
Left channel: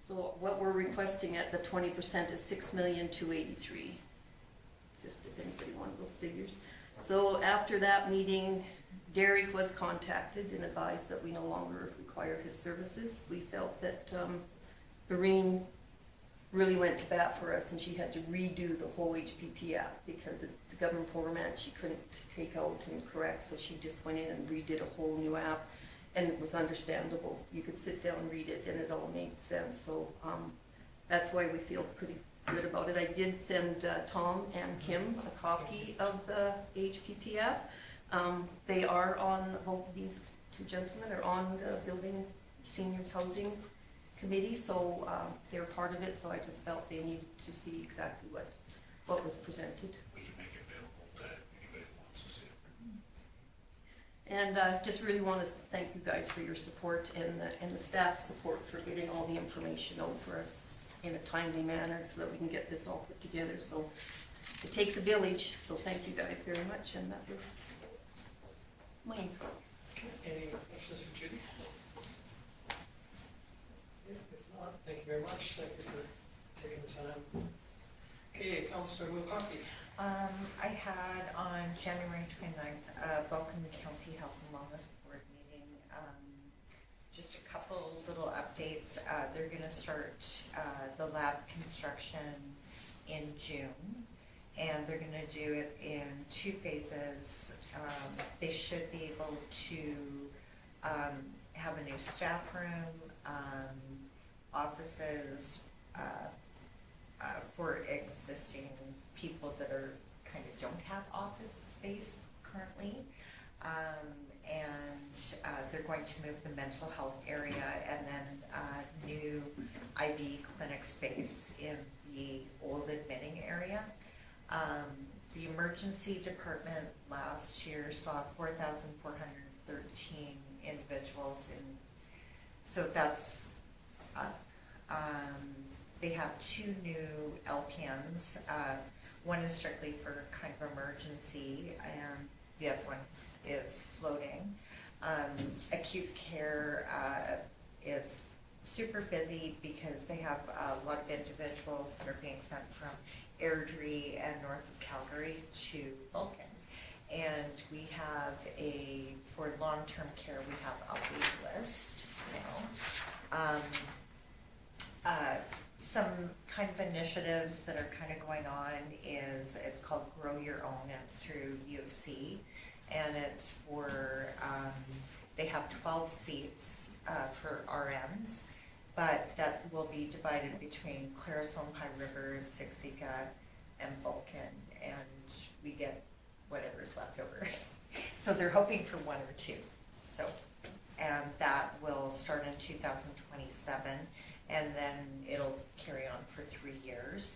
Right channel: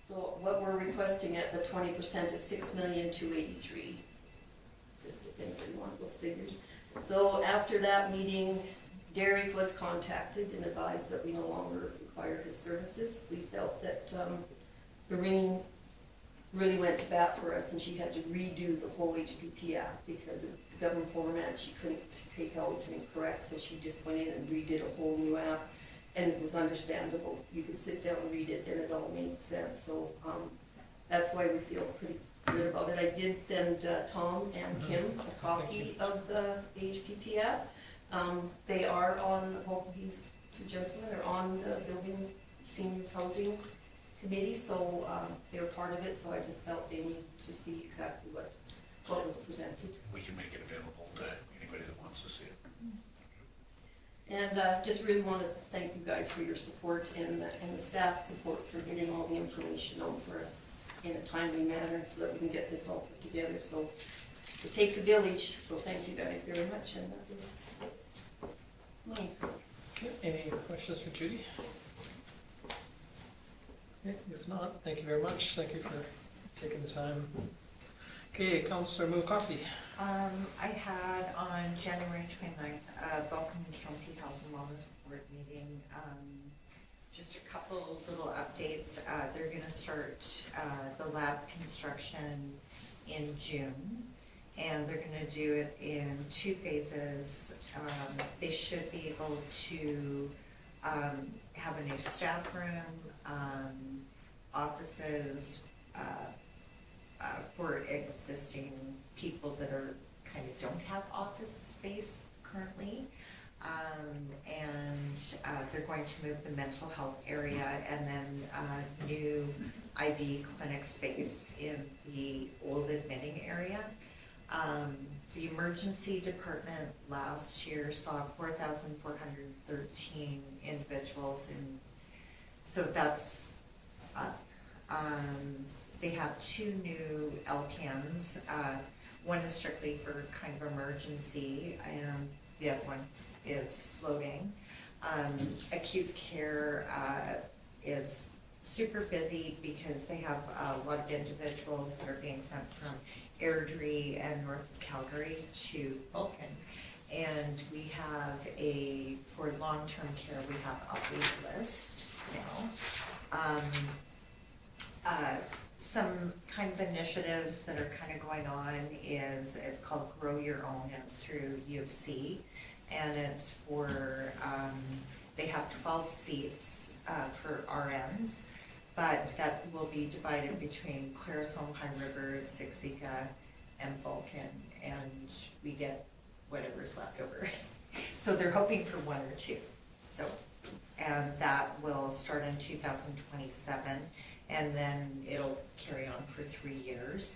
So what we're requesting at the 20% is $6,283,000, just if anybody wanted those figures. So after that meeting, Derek was contacted and advised that we no longer require his services. We felt that Noreen really went to bat for us, and she had to redo the whole HPP app because of the government format she couldn't take out and correct, so she just went in and redid a whole new app, and it was understandable. You could sit down and read it, and it all made sense. So that's why we feel pretty good about it. I did send Tom and Kim a copy of the HPP app. They are on, both of these two gentlemen are on the Building Seniors Housing Committee, so they're part of it, so I just felt they need to see exactly what was presented. We can make it available to anybody that wants to see it. And just really want to thank you guys for your support and the staff's support for getting all the information out for us in a timely manner so that we can get this all put together. So it takes a village, so thank you guys very much, and that was mine. Okay, any questions for Judy? Okay, if not, thank you very much. Thank you for taking the time. Okay, Councillor Moon-Coffey. I had on January 29th, a Vulcan County Health and Wellness Board meeting. Just a couple little updates. They're gonna start the lab construction in June, and they're gonna do it in 2 phases. They should be able to have a new staff room, offices, for existing people that are kind of don't have office space currently. And they're going to move the mental health area and then new IV clinic space in the old admitting area. The emergency department last year saw 4,413 individuals, and so that's up. They have 2 new LPNs. One is strictly for kind of emergency, and the other one is floating. Acute care is super busy because they have a lot of individuals that are being sent from Airdrie and north of Calgary to Vulcan. And we have for long-term care, we have a wait list now. Some kind of initiatives that are kind of going on is, it's called Grow Your Own, and it's through U of C, and it's for, they have 12 seats for RNs, but that will be divided between Clarisholm, High Rivers, Siksika, and Vulcan, and we get whatever's left over. So they're hoping for 1 or 2. So, and that will start in 2027. And then it'll carry on for 3 years.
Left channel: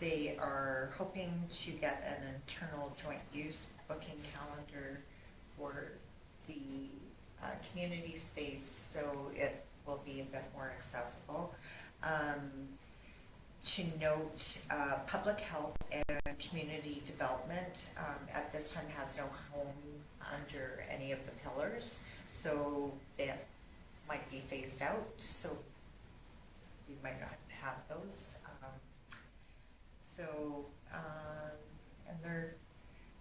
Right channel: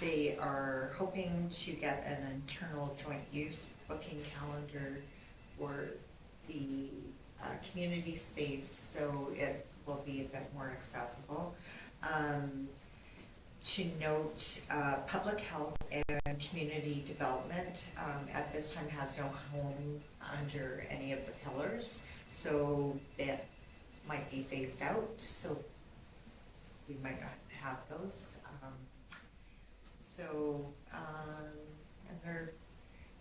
They are hoping to get an internal joint use booking calendar for the community space, so it will be a bit more accessible. To note, public health and community development at this time has no home under any of the pillars, so that might be phased out, so we might not have those. And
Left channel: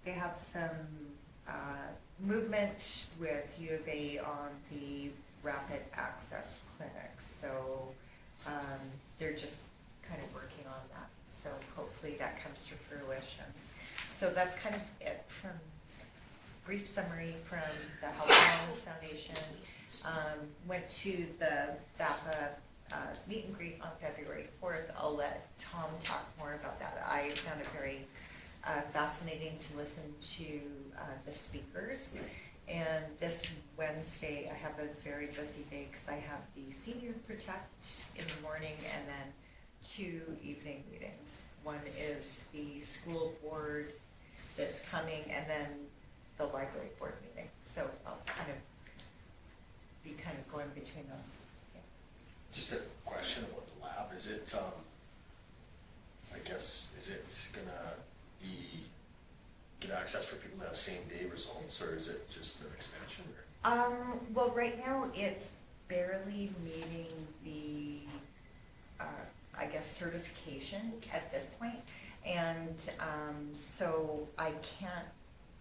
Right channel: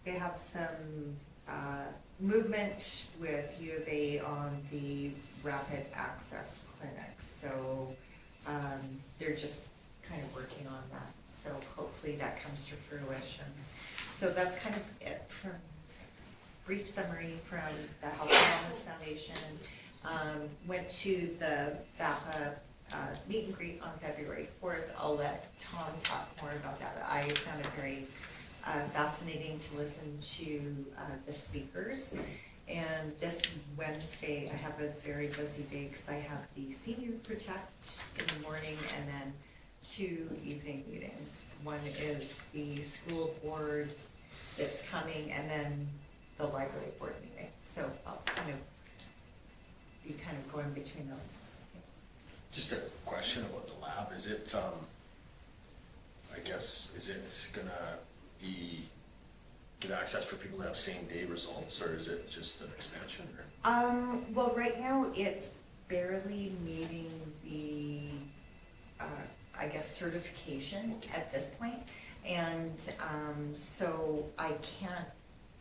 they have some movement with U of A on the rapid access clinics, so they're just kind of working on that. So hopefully that comes to fruition. So that's kind of it from brief summary from the Health and Wellness Foundation. Went to the VAPA meet and greet on February 4th. I'll let Tom talk more about that. I found it very fascinating to listen to the speakers. And this Wednesday, I have a very busy day because I have the Senior Protect in the morning and then 2 evening meetings. One is the school board that's coming, and then the library board meeting. So I'll kind of be kind of going between those. Yeah. Just a question about the lab, is it, I guess, is it gonna be, get access for people to have same day results, or is it just an expansion, or? Well, right now, it's barely meeting the, I guess, certification at this point. And, so I can't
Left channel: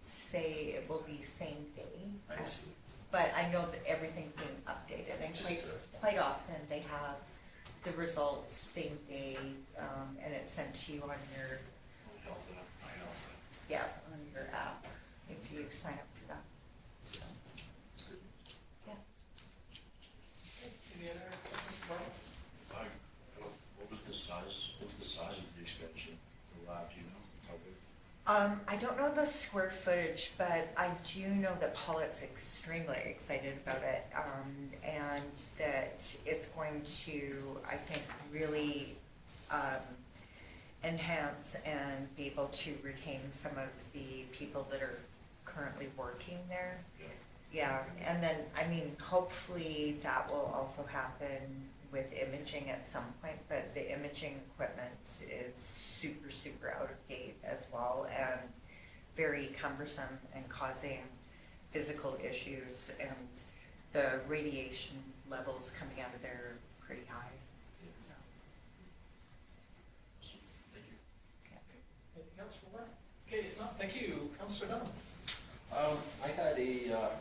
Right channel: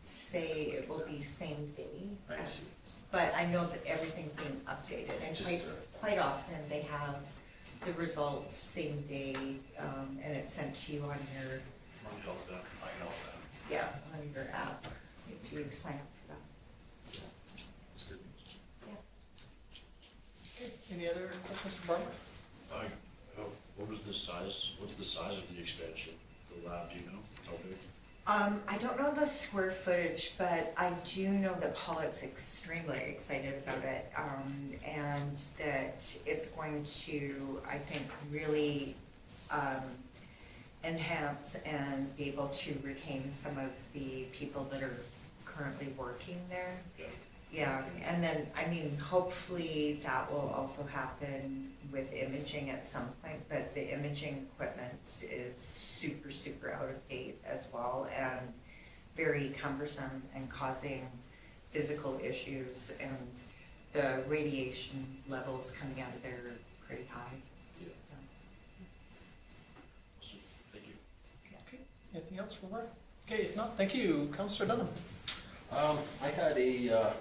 say it will be same day. I see. But I know that everything's being updated, and Just, quite often they have the results same day, and it's sent to you on your, I know that. yeah, on your app, if you sign up for that. So, It's good. Any other questions for Barbara? What was the size, what's the size of the expansion, the lab, do you know, how big? I don't know the square footage, but I do know that Paulette's extremely excited about it, and that it's going to, I think, really enhance and be able to retain some of the people that are currently working there. Yeah. Yeah, and then, I mean, hopefully that will also happen with imaging at some point, but the imaging equipment is super, super out of date as well, and very cumbersome and causing physical issues, and the radiation levels coming out of there are pretty high. Yeah. So, Awesome, thank you. Anything else for Barbara? Okay, if not, thank you, Councillor Dunham. I had a,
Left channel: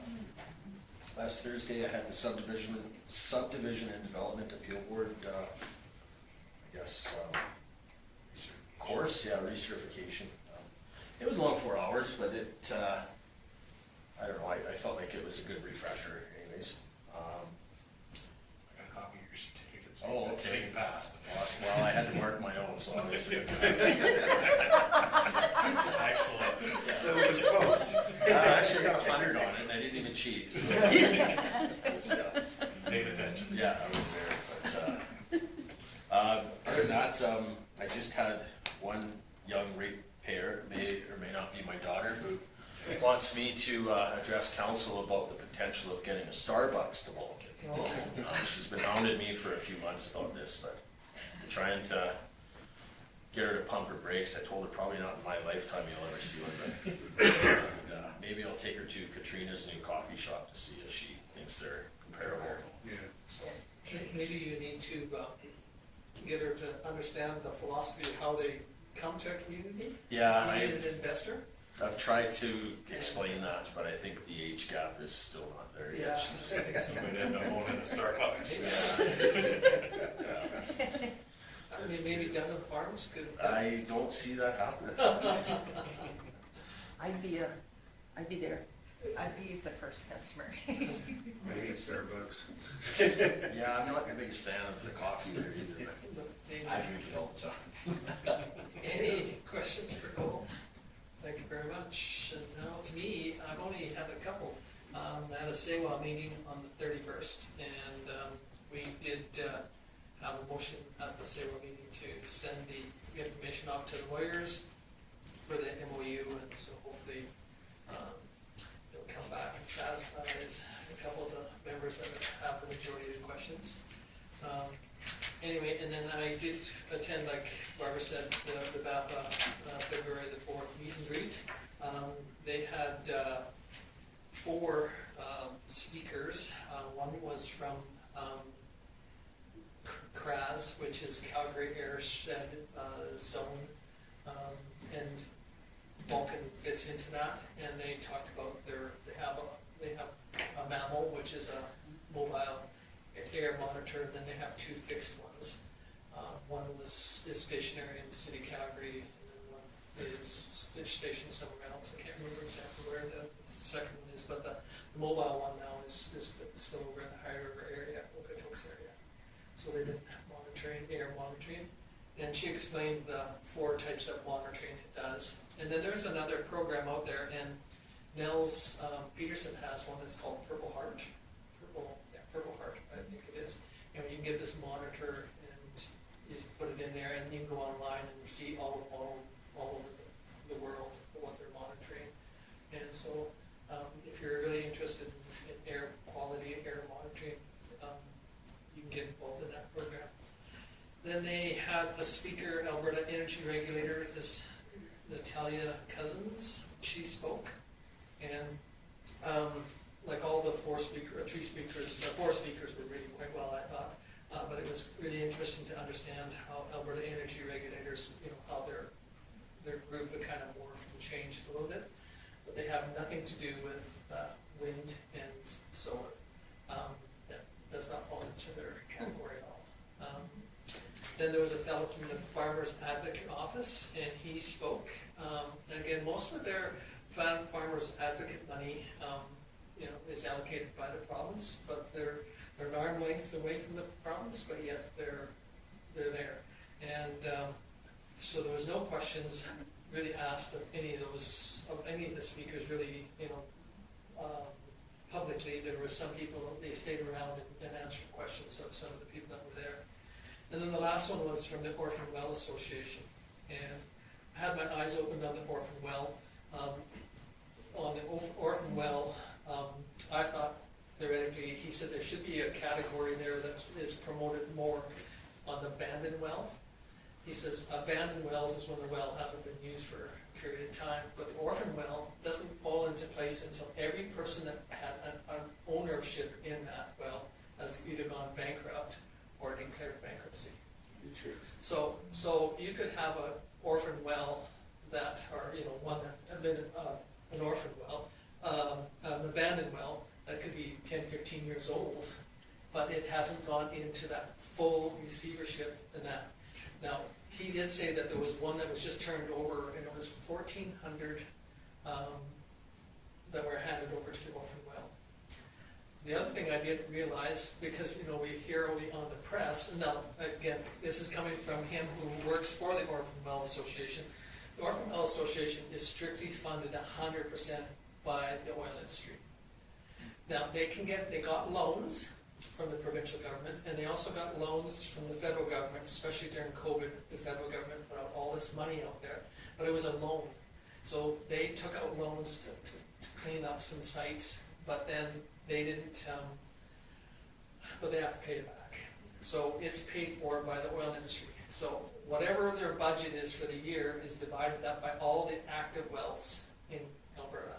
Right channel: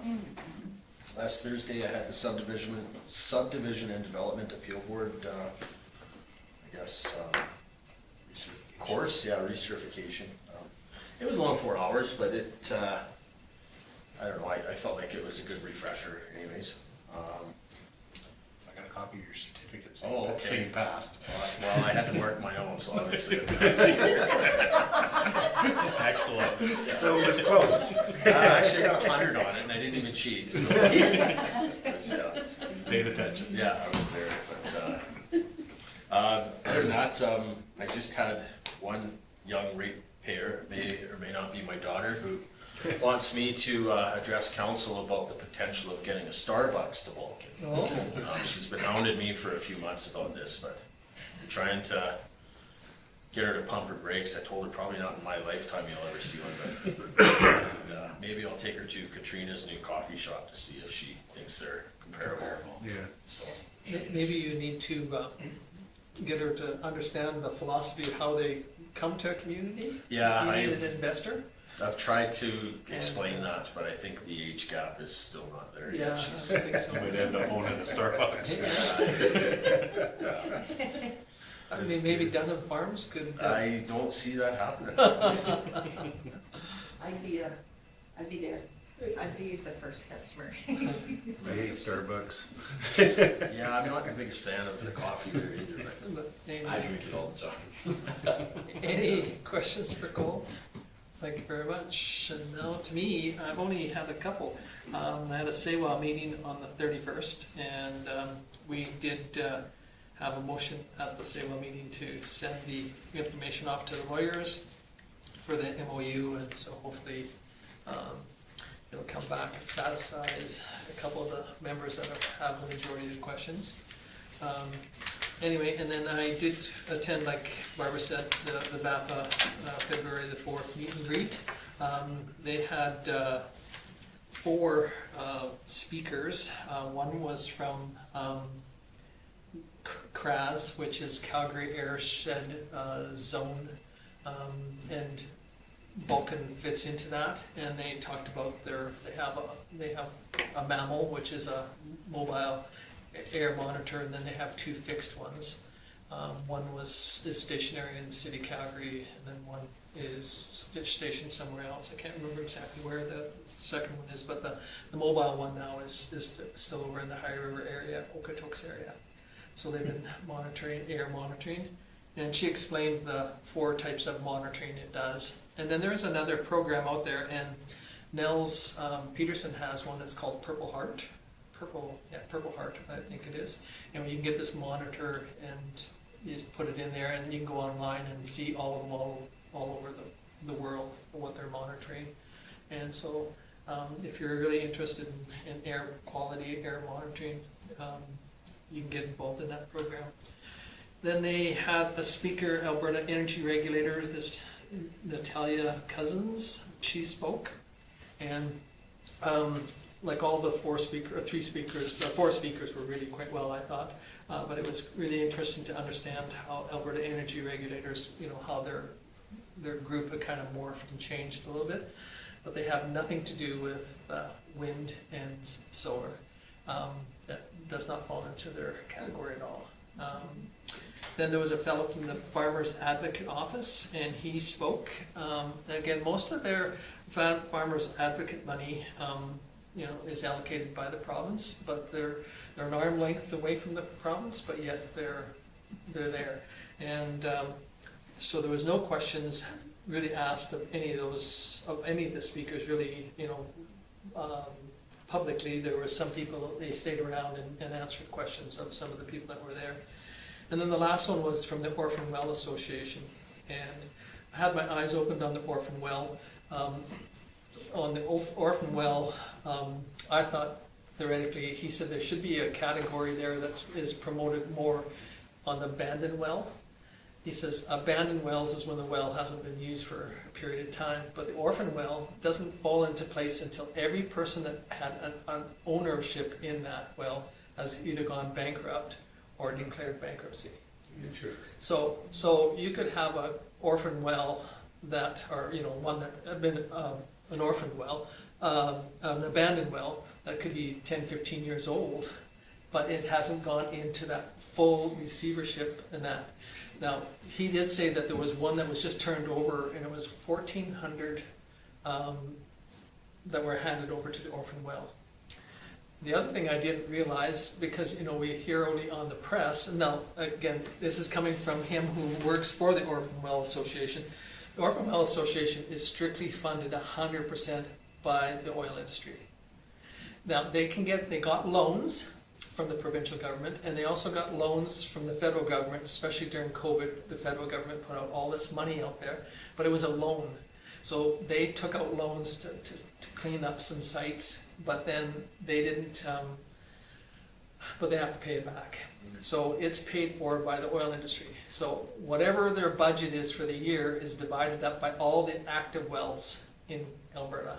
last Thursday, I had the subdivision and development appeal board, I guess, course, yeah, recertification. It was long 4 hours, but it, I don't know, I felt like it was a good refresher anyways. I got a copy of your certificate Oh, saying, okay. saying passed. Well, I had to mark my own, so obviously. Excellent. So it was close. Actually, I got 100 on it, and I didn't even cheat. So it was, Paid attention. yeah, I was there, but, other than that, I just had one young ratepayer, may or may not be my daughter, who wants me to, address council about the potential of getting a Starbucks to Vulcan. Oh, She's been hounding me for a few months about this, but I'm trying to get her to pump her brakes. I told her probably not in my lifetime you'll ever see one, but maybe I'll take her to Katrina's new coffee shop to see if she thinks they're comparable. Yeah. So, maybe you need to get her to understand the philosophy of how they come to a community. yeah, You need an investor. I've tried to explain that, but I think the age gap is still not there Yeah, I yet. She's, think so. Might end up owning a Starbucks. yeah. I mean, maybe Dunham Farms could. I don't see that happening. I'd be there. I'd be the first customer. I hate Starbucks. Yeah, I'm not the biggest fan of the coffee there either. But anyway. I drink it all the time. Any questions for Cole? Thank you very much. And now to me, I've only had a couple. I had a SEWA meeting on the 31st, and we did have a motion at the SEWA meeting to send the information off to the lawyers for the MOU, and so hopefully it'll come back and satisfies a couple of the members that have the majority of the questions. Anyway, and then I did attend, like Barbara said, the VAPA February the 4th meet and greet. They had 4 speakers. One was from CRAS, which is Calgary Airshed Zone, and Vulcan fits into that. And they talked about they have a mammal, which is a mobile air monitor, and then they have 2 fixed ones. One is stationary in the city of Calgary, and then one is stationed somewhere else. I can't remember exactly where the second one is, but the mobile one now is still over in the High River area, Okotoks area. So they've been air monitoring, and she explained the 4 types of monitoring it does. And then there's another program out there, and Nels Peterson has one that's called Purple Heart, I think it is. And you can get this monitor and you just put it in there, and you can go online and see all over the world what they're monitoring. And so If you're really interested in air quality, air monitoring, you can get involved in that program. Then they had a speaker, Alberta Energy Regulators, this Natalia Cousins, she spoke. And like all the four speakers were really quite well, I thought. But it was really interesting to understand how Alberta Energy Regulators, how their group had kind of morphed and changed a little bit. But they have nothing to do with wind and solar. That does not fall into their category at all. Then there was a fellow from the Farmers Advocate Office, and he spoke. Again, most of their Farmers Advocate money, is allocated by the province, but they're an arm length away from the province, but yet they're there. And so there was no questions really asked of any of the speakers really, publicly. There were some people, they stayed around and answered questions of some of the people that were there. And then the last one was from the Orphan Well Association. And I had my eyes opened on the Orphan Well. On the Orphan Well, I thought theoretically, he said there should be a category there that is promoted more on the abandoned well. He says abandoned wells is when the well hasn't been used for a period of time, but the orphan well doesn't fall into place until every person that had an ownership in that well has either gone bankrupt or declared bankruptcy. Interesting. So you could have an orphan well that, or one that had been an orphan well, an abandoned well that could be 10, 15 years old, but it hasn't gone into that full receivership and that. Now, he did say that there was one that was just turned over, and it was 1,400 that were handed over to the orphan well. The other thing I didn't realize, because we hear only on the press, and now again, this is coming from him who works for the Orphan Well Association. The Orphan Well Association is strictly funded 100% by the oil industry. Now they got loans from the provincial government, and they also got loans from the federal government, especially during COVID. The federal government put out all this money out there, but it was a loan. So they took out loans to clean up some sites, but then they didn't, but they have to pay it back. So it's paid for by the oil industry. So whatever their budget is for the year is divided up by all the active wells in Alberta.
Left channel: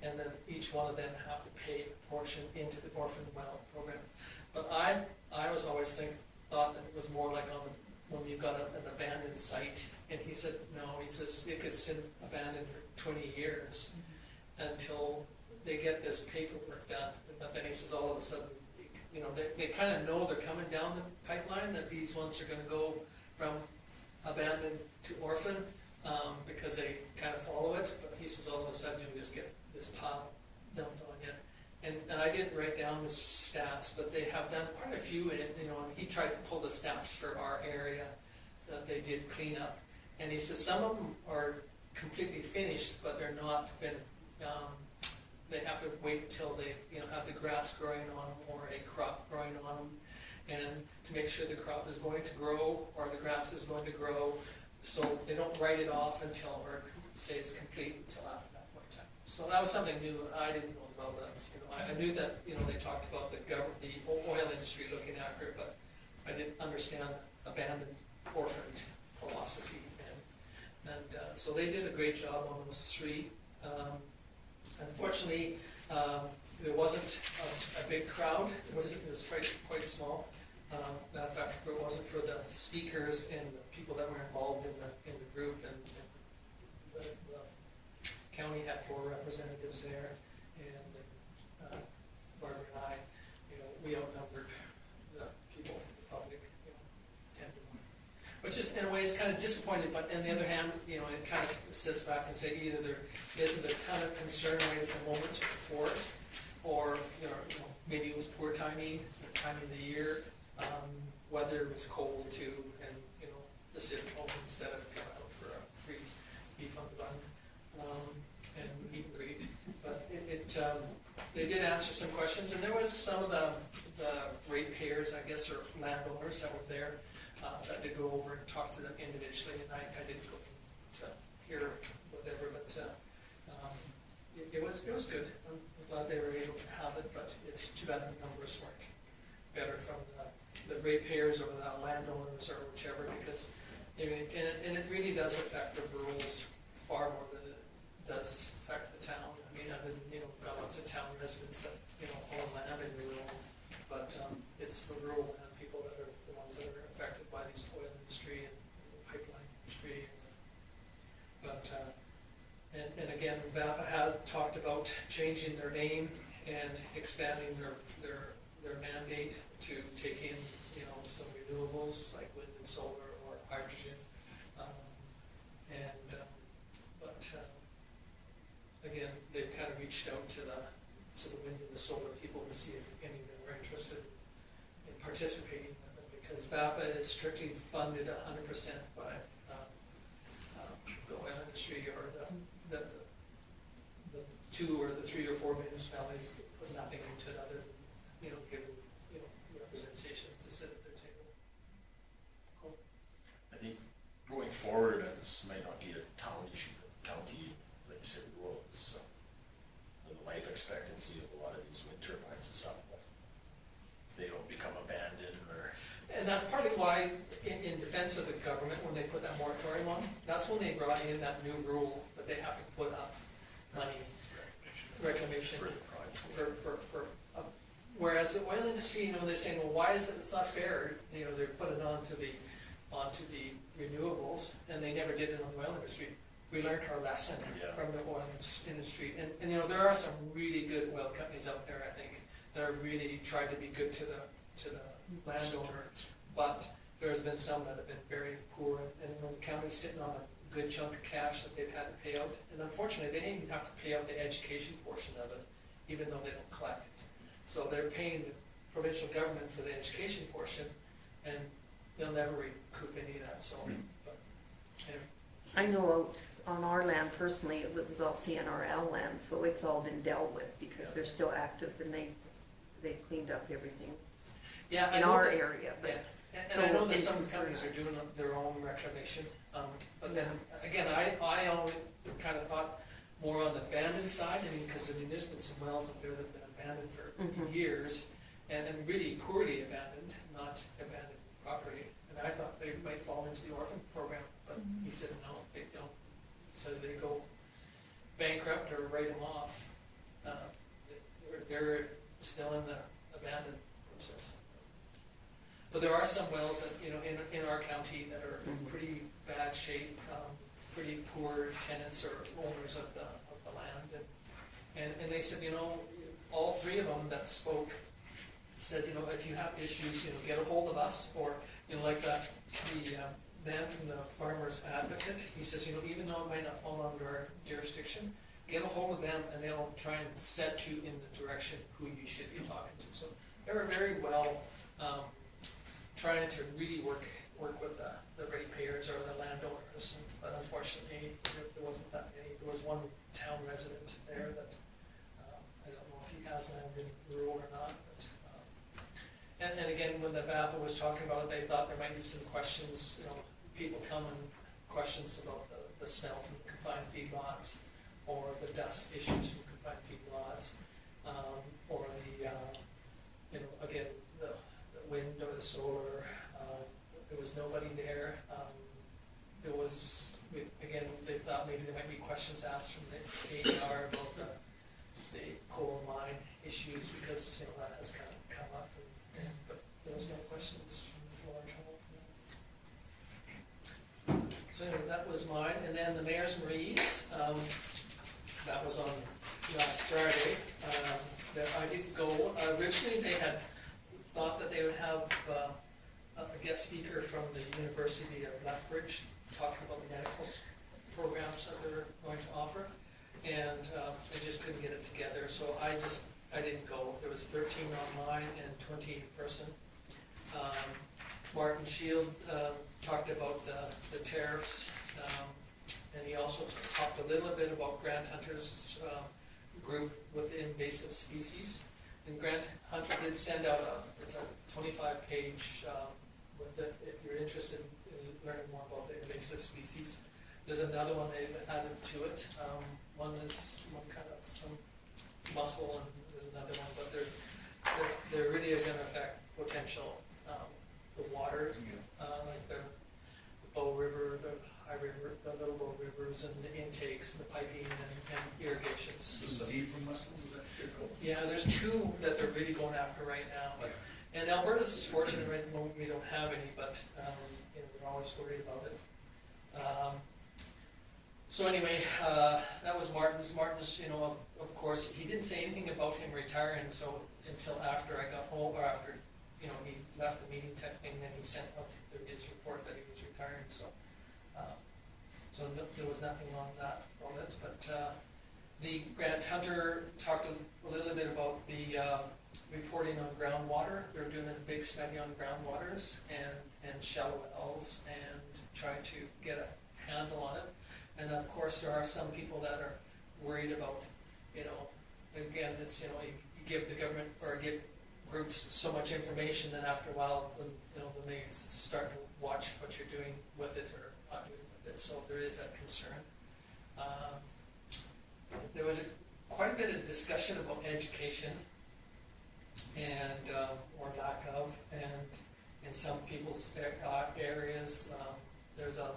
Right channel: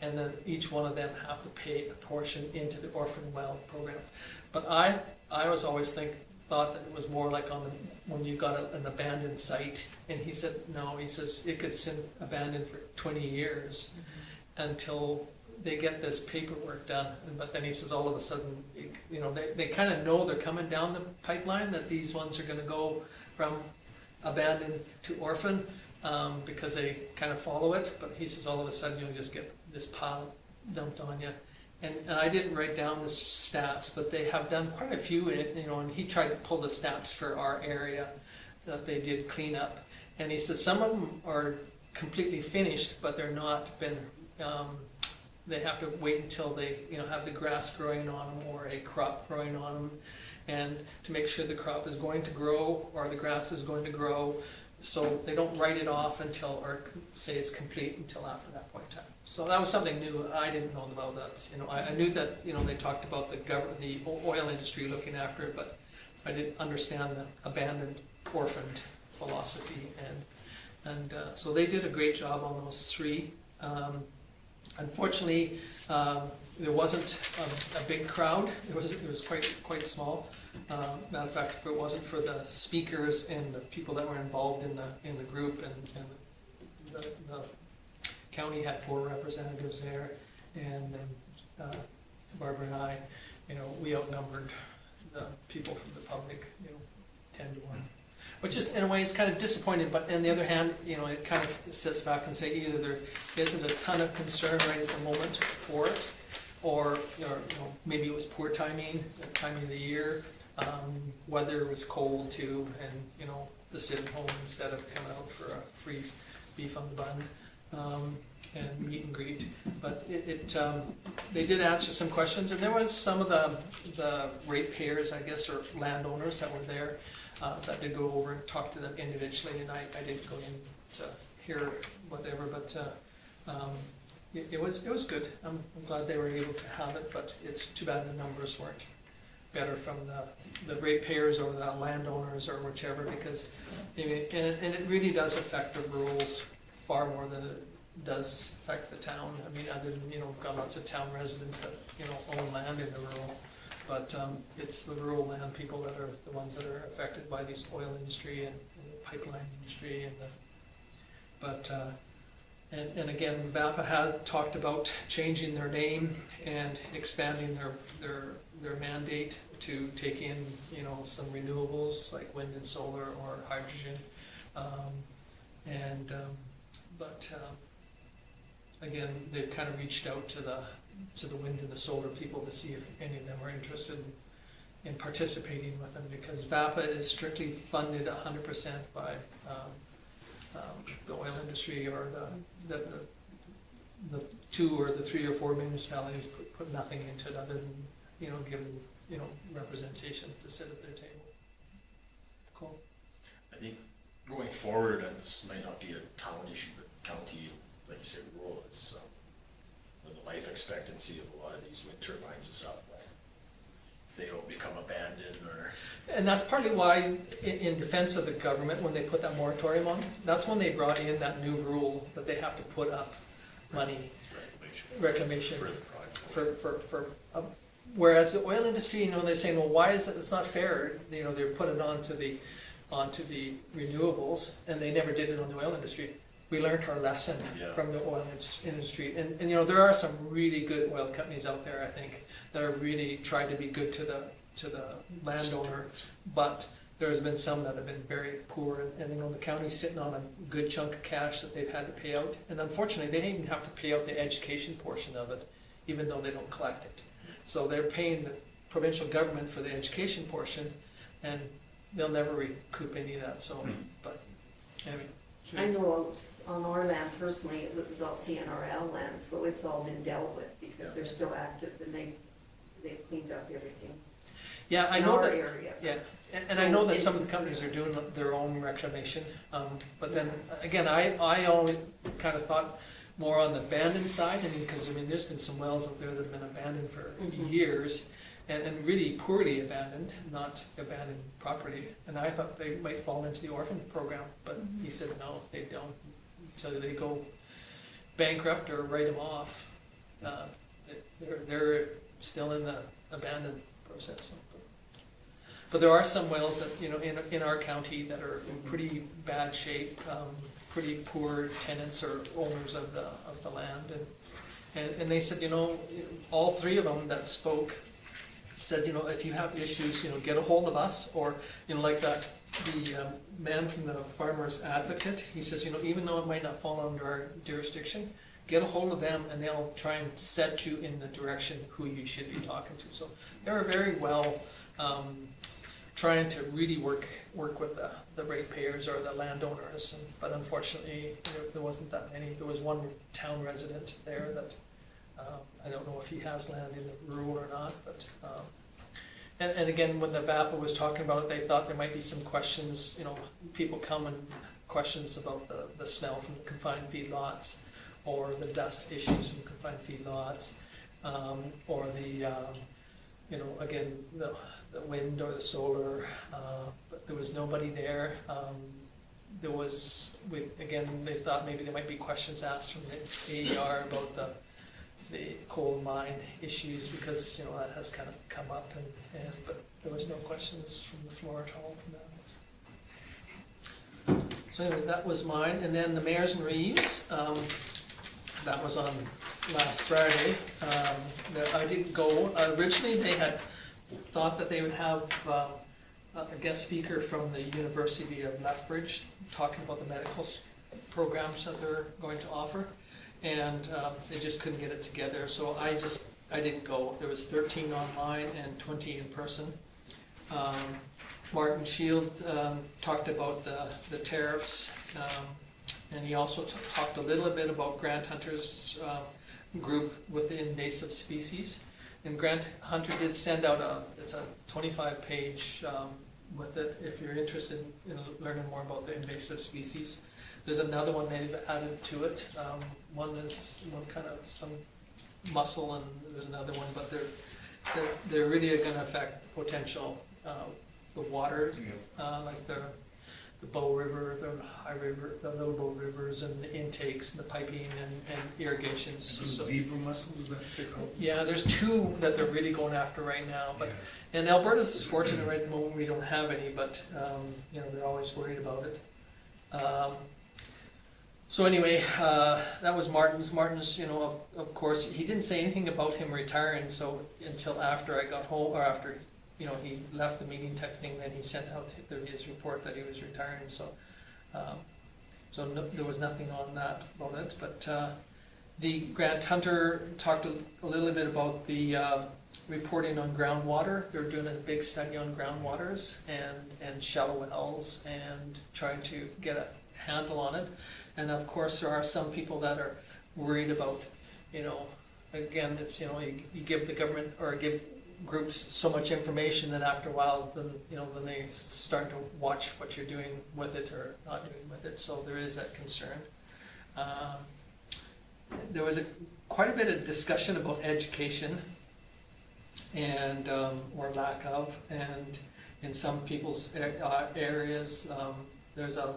And then each one of them have to pay a portion into the orphan well program. But I was always thought that it was more like when you got an abandoned site. And he said, no, he says it could sit abandoned for 20 years until they get this paperwork done. But then he says all of a sudden, they kind of know they're coming down the pipeline, that these ones are going to go from abandoned to orphan because they kind of follow it. But he says all of a sudden you'll just get this pile dumped on you. And I didn't write down the stats, but they have done quite a few, and he tried to pull the stats for our area that they did clean up. And he said some of them are completely finished, but they're not been, they have to wait until they have the grass growing on them or a crop growing on them, and to make sure the crop is going to grow or the grass is going to grow, so they don't write it off until, or say it's complete until after that point in time. So that was something new. I didn't know about that. I knew that they talked about the oil industry looking after it, but I didn't understand the abandoned, orphaned philosophy. And so they did a great job on those three. Unfortunately, there wasn't a big crowd. It was quite small. Matter of fact, if it wasn't for the speakers and the people that were involved in the group, and the county had 4 representatives there, and then Barbara and I, we outnumbered the people from the public, 10 to 1. Which is, in a way, is kind of disappointing, but on the other hand, it kind of sits back and say either there isn't a ton of concern right at the moment for it, or maybe it was poor timing, the time of the year, weather was cold too, and to sit at home instead of coming out for a free beef on the bun and meet and greet. But they did answer some questions, and there was some of the ratepayers, I guess, or landowners that were there. That did go over and talk to them individually, and I didn't go in to hear whatever, but it was good. I'm glad they were able to have it, but it's too bad the numbers weren't better from the ratepayers or the landowners or whichever, because, and it really does affect the rurals far more than it does affect the town. I mean, other than, got lots of town residents that, own land in the rural, but it's the rural land people that are the ones that are affected by these oil industry and the pipeline industry and again, VAPA had talked about changing their name and expanding their mandate to take in, some renewables like wind and solar or hydrogen. Again, they've kind of reached out to the wind and the solar people to see if any of them are interested in participating with them, because VAPA is strictly funded 100% by the oil industry, or the 2 or the 3 or 4 municipalities put nothing into it other than, given, representation to sit at their table. Cool. I think going forward, and this might not be a town issue, but county, like you said, rural is, the life expectancy of a lot of these wind turbines is up. If they don't become abandoned or. And that's partly why, in defense of the government, when they put that moratorium on, that's when they brought in that new rule that they have to put up money, reclamation For the project. whereas the oil industry, they're saying, well, why is it? It's not fair. They're putting it onto the renewables, and they never did it on the oil industry. We learned our lesson from the oil industry, and there are some really good oil companies out there, I think, that are really trying to be good to the landowner, but there's been some that have been very poor, and the county's sitting on a good chunk of cash that they've had to pay out, and unfortunately they didn't even have to pay out the education portion of it, even though they don't collect it. So they're paying the provincial government for the education portion, and they'll never recoup any of that. So, but anyway. I know on our land personally, it was all CNRL land, so it's all been dealt with because they're still active and they've cleaned up everything Yeah, I in know our that. area. Yeah, and I know that some of the companies are doing their own reclamation, but then again, I always kind of thought more on the abandoned side. Because there's been some wells up there that have been abandoned for years, and really poorly abandoned, not abandoned property. And I thought they might fall into the orphan program, but he said no, they don't. So they go bankrupt or write them off. They're still in the abandoned process. But there are some wells that in our county that are in pretty bad shape, pretty poor tenants or owners of the land, and they said all 3 of them that spoke said if you have issues get a hold of us, or like the man from the Farmers Advocate, he says even though it might not fall under our jurisdiction, get a hold of them and they'll try and set you in the direction who you should be talking to. So they were very well trying to really work with the ratepayers or the landowners, but unfortunately there wasn't that many. There was one town resident there that I don't know if he has land in the rural or not, but and again, when the VAPA was talking about it, they thought there might be some questions. People come and questions about the smell from the confined feedlots, or the dust issues from confined feedlots, or the again the wind or the solar. But there was nobody there. They thought maybe there might be questions asked from the AER about the coal mine issues, because that has kind of come up, but there was no questions from the floor at all from that. So anyway, that was mine, and then the Mayors and Reeves, that was on last Friday. I didn't go. Originally they had thought that they would have a guest speaker from the University of Lethbridge talking about the medical programs that they're going to offer, and they just couldn't get it together, so I didn't go. There was 13 online and 20 in person. Martin Shield talked about the tariffs, and he also talked a little bit about Grant Hunter's group with the invasive species. And Grant Hunter did send out it's a 25-page with it if you're interested in learning more about the invasive species. There's another one they've added to it, one kind of some muscle, and there's another one, but they're really gonna affect potential, the water, like the Bow River, the High River, the Little Bow Rivers, and the intakes, and the piping and irrigations. So- Zebra mussels, is that what they're called? Yeah, there's two that they're really going after right now, but, and Alberta's fortunate right at the moment we don't have any, but, you know, they're always worried about it. So anyway, that was Martin's. Martin's, you know, of course, he didn't say anything about him retiring, so until after I got home, or after, you know, he left the meeting type thing, then he sent out his report that he was retiring, so, there was nothing on that about it, but, the Grant Hunter talked a little bit about the, reporting on groundwater. They're doing a big study on groundwaters and shallow wells and trying to get a handle on it. And of course, there are some people that are worried about, you know, again, it's, you know, you give the government or give groups so much information that after a while, then, you know, then they start to watch what you're doing with it or not doing with it. So there is that concern. There was quite a bit of discussion about education and or lack of, and in some people's areas, there's a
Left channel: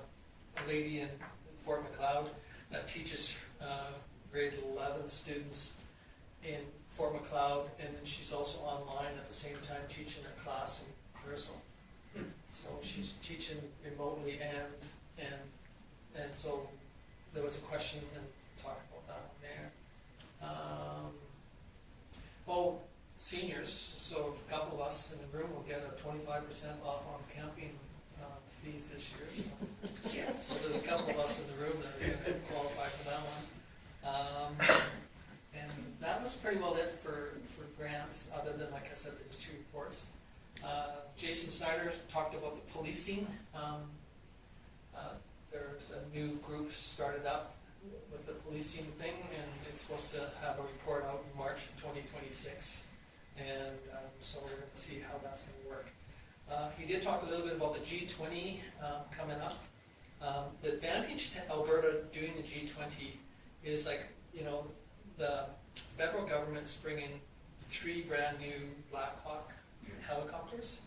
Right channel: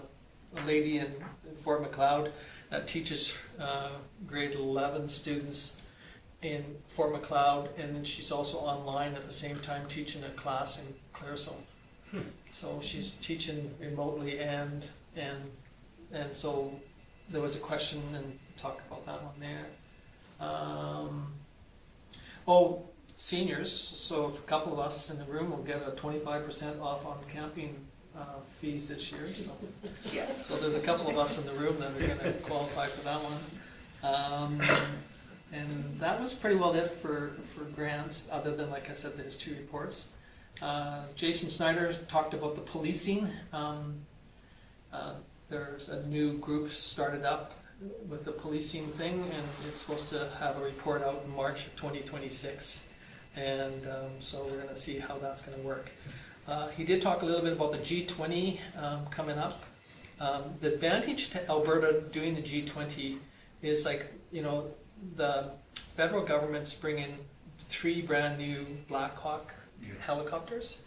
lady in Fort Macleod that teaches grade 11 students in Fort Macleod, and then she's also online at the same time teaching a class in Claresholm. So she's teaching remotely, and so there was a question and talk about that one there. Seniors, so if a couple of us in the room will get a 25% off on camping fees this year, so. Yeah. So there's a couple of us in the room that are gonna qualify for that one. And that was pretty well it for grants, other than, like I said, there's 2 reports. Jason Snyder talked about the policing. There's a new group started up with the policing thing, and it's supposed to have a report out in March of 2026. And so we're going to see how that's going to work. He did talk a little bit about the G20 coming up. The advantage to Alberta doing the G20 is, like, you know, the federal government's bringing 3 brand new Black Hawk helicopters,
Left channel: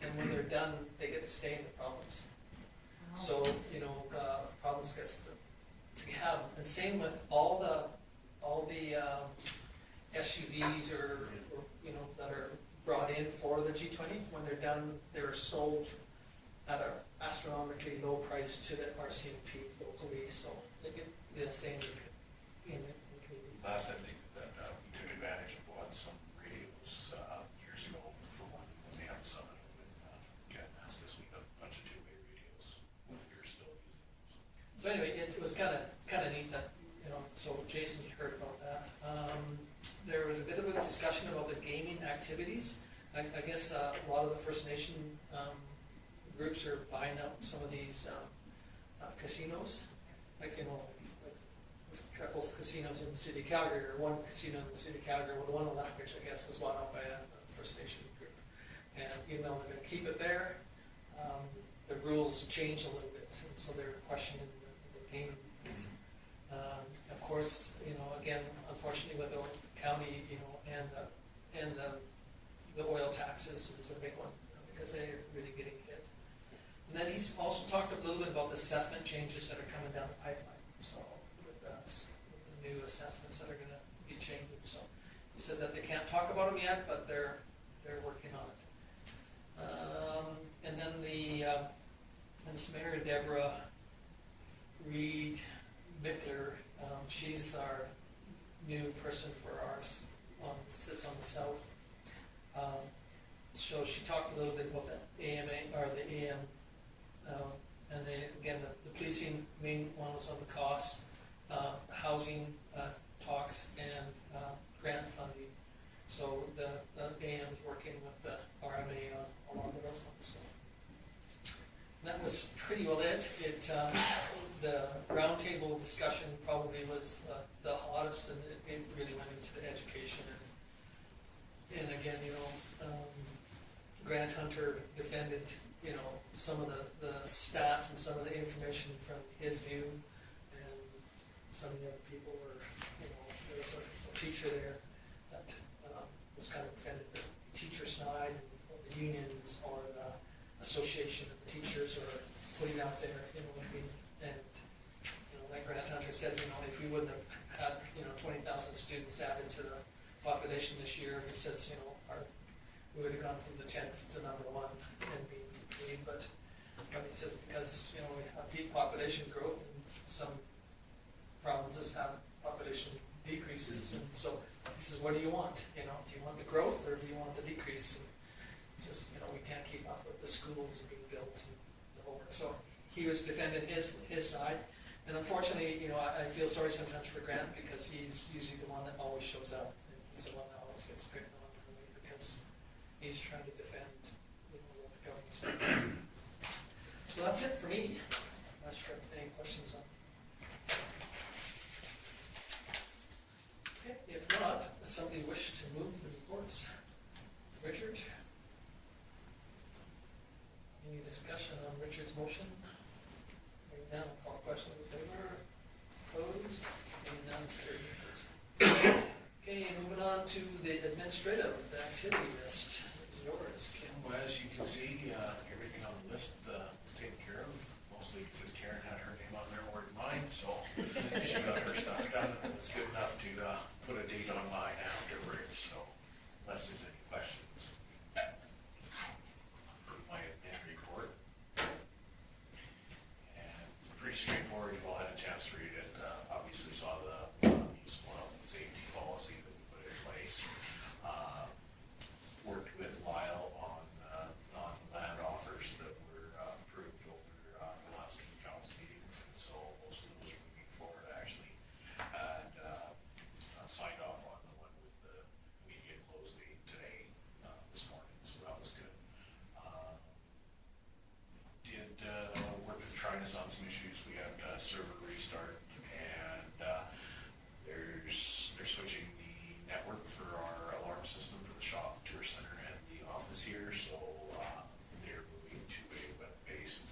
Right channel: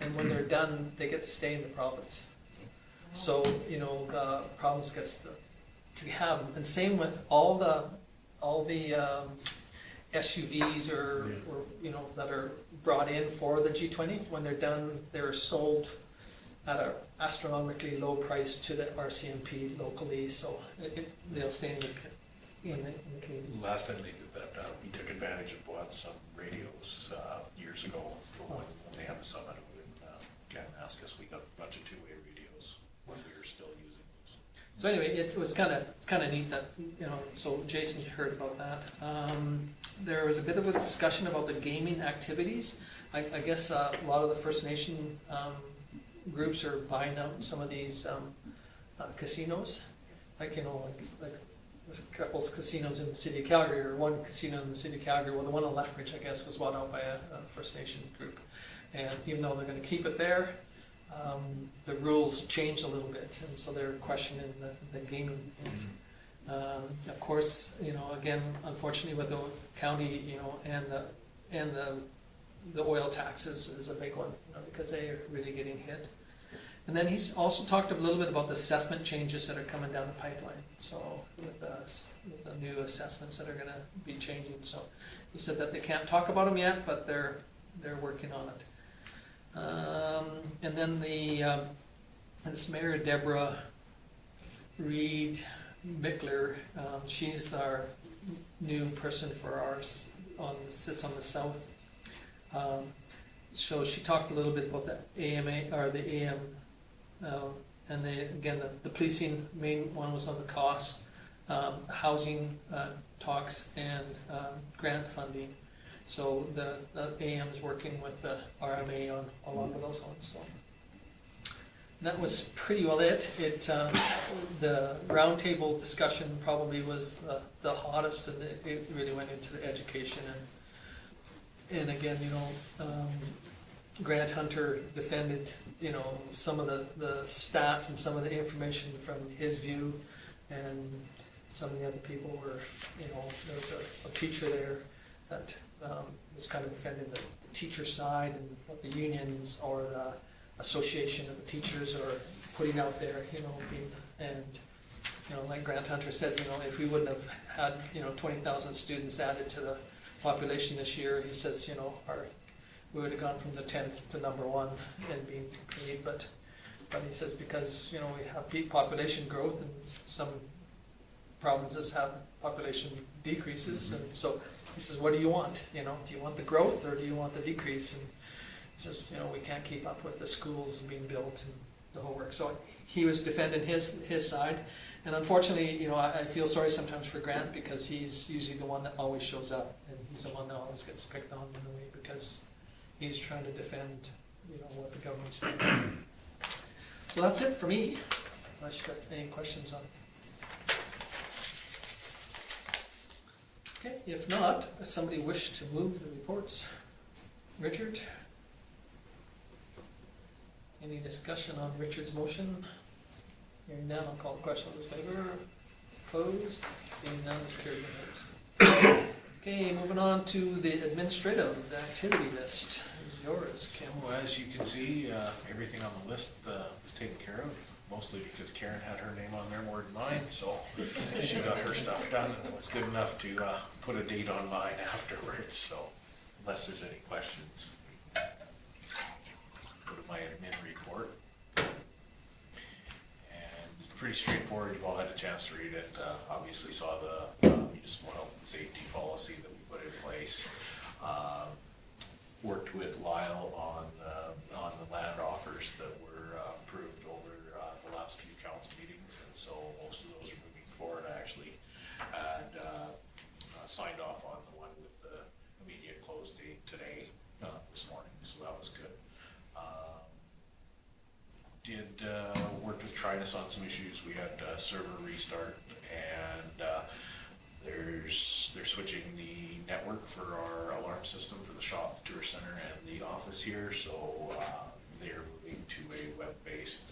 and when they're done, they get to stay in the province. So, you know, the province gets to have them. And same with all the SUVs or you know, that are brought in for the G20. When they're done, they're sold at an astronomically low price to the RCMP locally, so they'll stay in the community. Last time they did that, we took advantage of bought some radios years ago for when they had the summit. Ken asked us, we got a bunch of 2-way radios when we were still using those. So anyway, it was kind of neat that, you know, so Jason heard about that. There was a bit of a discussion about the gaming activities. I guess a lot of the First Nation groups are buying out some of these casinos. Like, you know, like there's a couple of casinos in the city of Calgary, or one casino in the city of Calgary. Well, the one on Lethbridge, I guess, was bought out by a First Nation group. And even though they're going to keep it there, the rules change a little bit, and so they're questioning the gaming things. Of course, you know, again, unfortunately, with the county, you know, and the oil taxes is a big one, you know, because they are really getting hit. And then he's also talked a little bit about the assessment changes that are coming down the pipeline. So with the new assessments that are going to be changing, so he said that they can't talk about them yet, but they're working on it. And then this Mayor Deborah Reed Mickler, she's our new person for ours, sits on the south. So she talked a little bit about the AMA, or the AM, and again, the policing, main one was on the costs, housing talks, and grant funding. So the AM is working with the RMA on a lot of those ones. So that was pretty well it. The roundtable discussion probably was the hottest, and it really went into the education. And again, you know, Grant Hunter defended you know, some of the stats and some of the information from his view, and some of the other people were, you know, there was a teacher there that was kind of defending the teacher side and what the unions or the association of the teachers are putting out there, you know, and, you know, like Grant Hunter said, you know, if we wouldn't have had, you know, 20,000 students added to the population this year, he says, you know, we would have gone from the 10th to number 1 and being paid, but he says because, you know, we have peak population growth and some provinces have population decreases, and so he says, what do you want? You know, do you want the growth or do you want the decrease? And he says, you know, we can't keep up with the schools being built and the whole work. So he was defending his side, and unfortunately, you know, I feel sorry sometimes for Grant because he's usually the one that always shows up, and he's the one that always gets picked on in a way because he's trying to defend, you know, what the government's doing. So that's it for me. Unless you got any questions on. Okay, if not, does somebody wish to move the reports? Richard? Any discussion on Richard's motion? Hearing none, I'll call the question. All those in favor? Opposed? Seeing none, it's carried. Okay, moving on to the administrative activity list. Is yours, Kim. Well, as you can see, everything on the list was taken care of, mostly because Karen had her name on there more than mine, so she got her stuff done and was good enough to put a date on mine afterwards, so unless there's any questions, put in my admin report. And it's pretty straightforward, you all had a chance to read it, obviously saw the municipal health and safety policy that we put in place. Worked with Lyle on the land offers that were approved over the last few council meetings, and so most of those are moving forward. I actually had signed off on the one with the immediate close date today, this morning, so that was good. Did work with Trinus on some issues. We had server restart, and they're switching the network for our alarm system for the shop, tourist center, and the office here, so they're moving to a web-based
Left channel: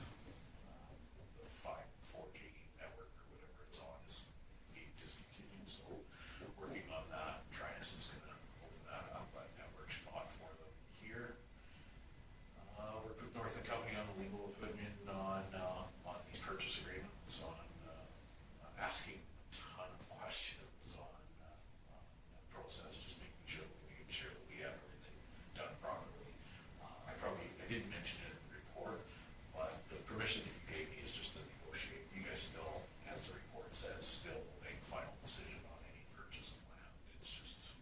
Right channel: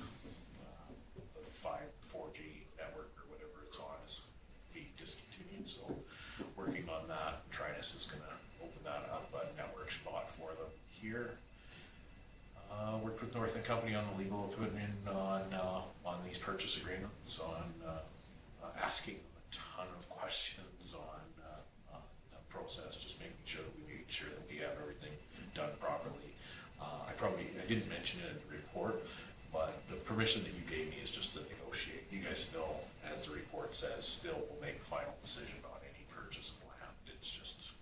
4G network or whatever it's on is being discontinued, so working on that. Trinus is going to open that up, a network spot for them here. Worked with North and Company on the legal opinion on these purchase agreements, on asking a ton of questions on the process, just making sure that we have everything done properly. I didn't mention it in the report, but the permission that you gave me is just to negotiate. You guys still, as the report says, still will make the final decision on any purchase of land. It's just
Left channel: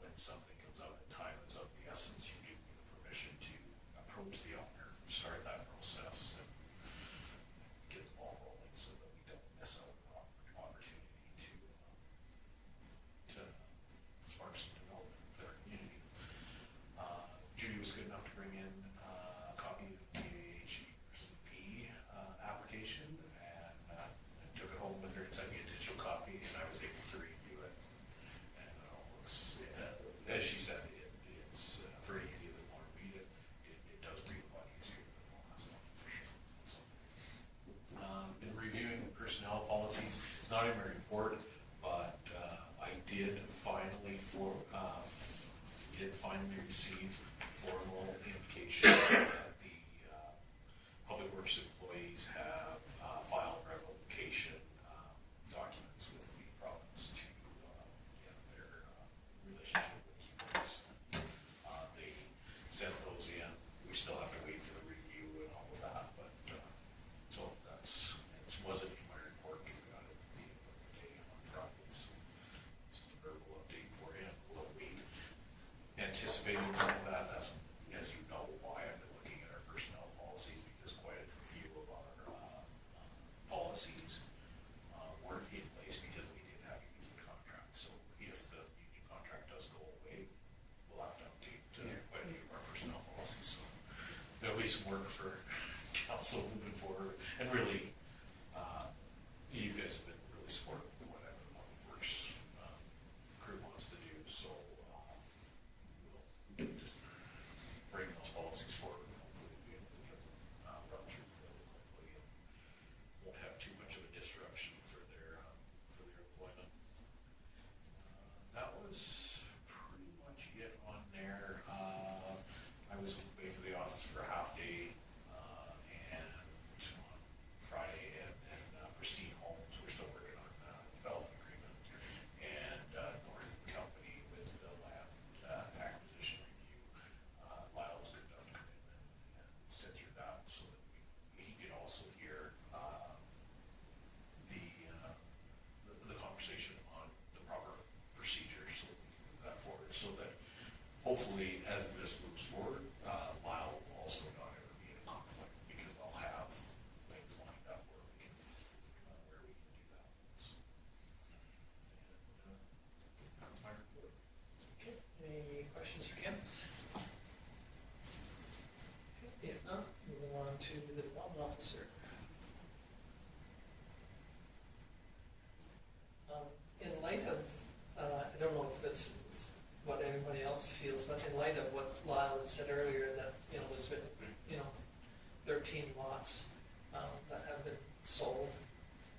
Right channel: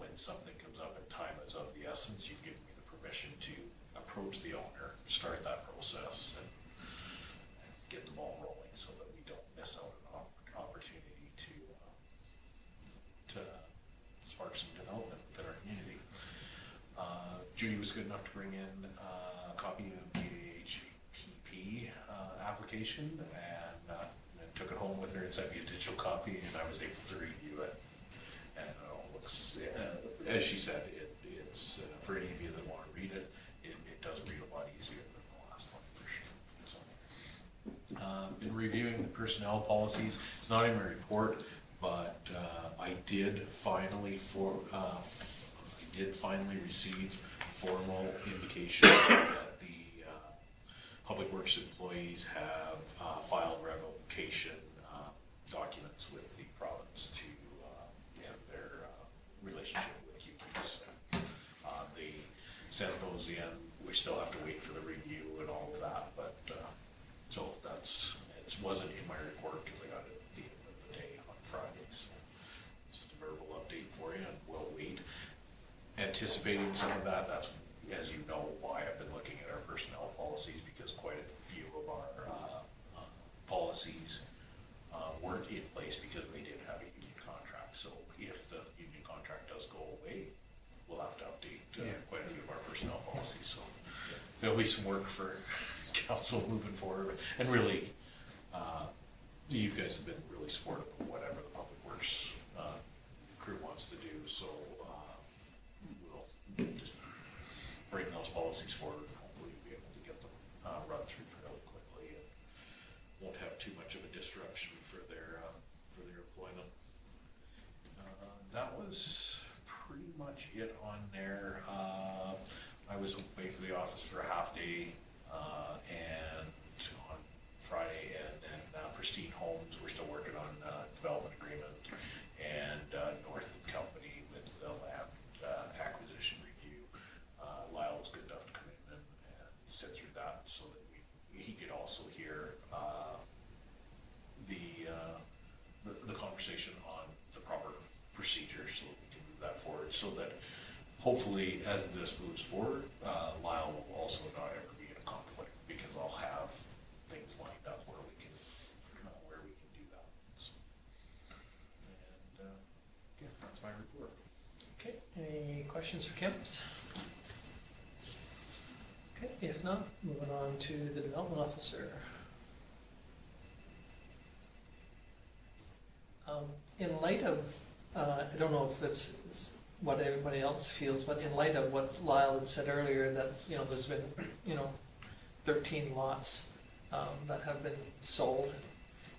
when something comes up and time is of the essence, you've given me the permission to approach the owner, start that process, and get the ball rolling so that we don't miss out on an opportunity to spark some development within our community. Judy was good enough to bring in a copy of the HPP application, and took it home with her and sent me a digital copy, and I was able to review it. And it's, as she said, it's for any of you that want to read it, it does read a lot easier than the last one, for sure. So, been reviewing the personnel policies. It's not in my report, but I did finally receive formal indication that the public works employees have filed revocation documents with the province to end their relationship with Cubans. They sent those in. We still have to wait for the review and all of that, but so it wasn't in my report because I got it at the end of the day on Friday. So it's just a verbal update for you, and we'll wait. Anticipating some of that, that's, as you know, why I've been looking at our personnel policies, because quite a few of our policies weren't in place because they did have a union contract. So if the union contract does go away, we'll have to update quite a few of our personnel policies. So there'll be some work for council moving forward, and really, you guys have been really supportive of whatever the public works crew wants to do. So we'll just bring those policies forward and hopefully be able to get them to the office for a half day, and on Friday, and then Pristine Homes, we're still working on development agreement, and Northern Company with the land acquisition review. Lyle was good enough to come in and sit through that, so that he could also hear the conversation on the proper procedure, so that we can move that forward, so that hopefully, as this moves forward, Lyle will also not ever be in a conflict, because I'll have things lined up where we can do that. So, and yeah, that's my report. Okay, any questions for Kim? Okay, if not, moving on to the development officer. In light of, I don't know if it's what everybody else feels, but in light of what Lyle had said earlier, that, you know, there's been, 13 lots that have been sold.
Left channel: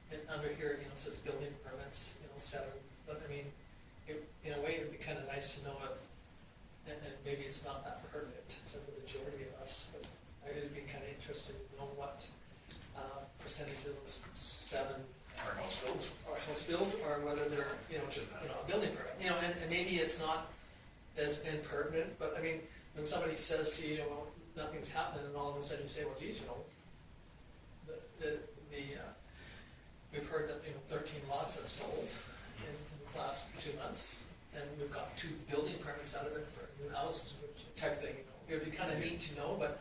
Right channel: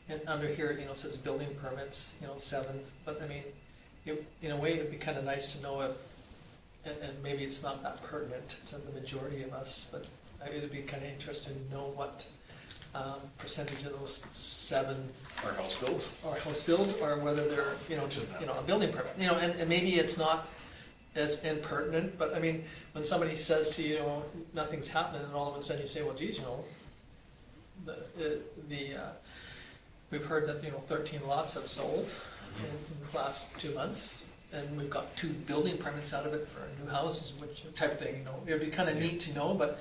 And under here, it says building permits, 7, but I mean, in a way, it'd be kind of nice to know if, and maybe it's not that pertinent to the majority of us, but it would be kind of interesting to know what percentage of those 7 Our house builds. are house builds, or whether they're, just, a building permit. And maybe it's not as impertinent, but I mean, when somebody says to you, nothing's happening, and all of a sudden you say, well, geez, we've heard that, 13 lots have sold in these last 2 months, and we've got 2 building permits out of it for new houses, which type thing, it would be kind of neat to know, but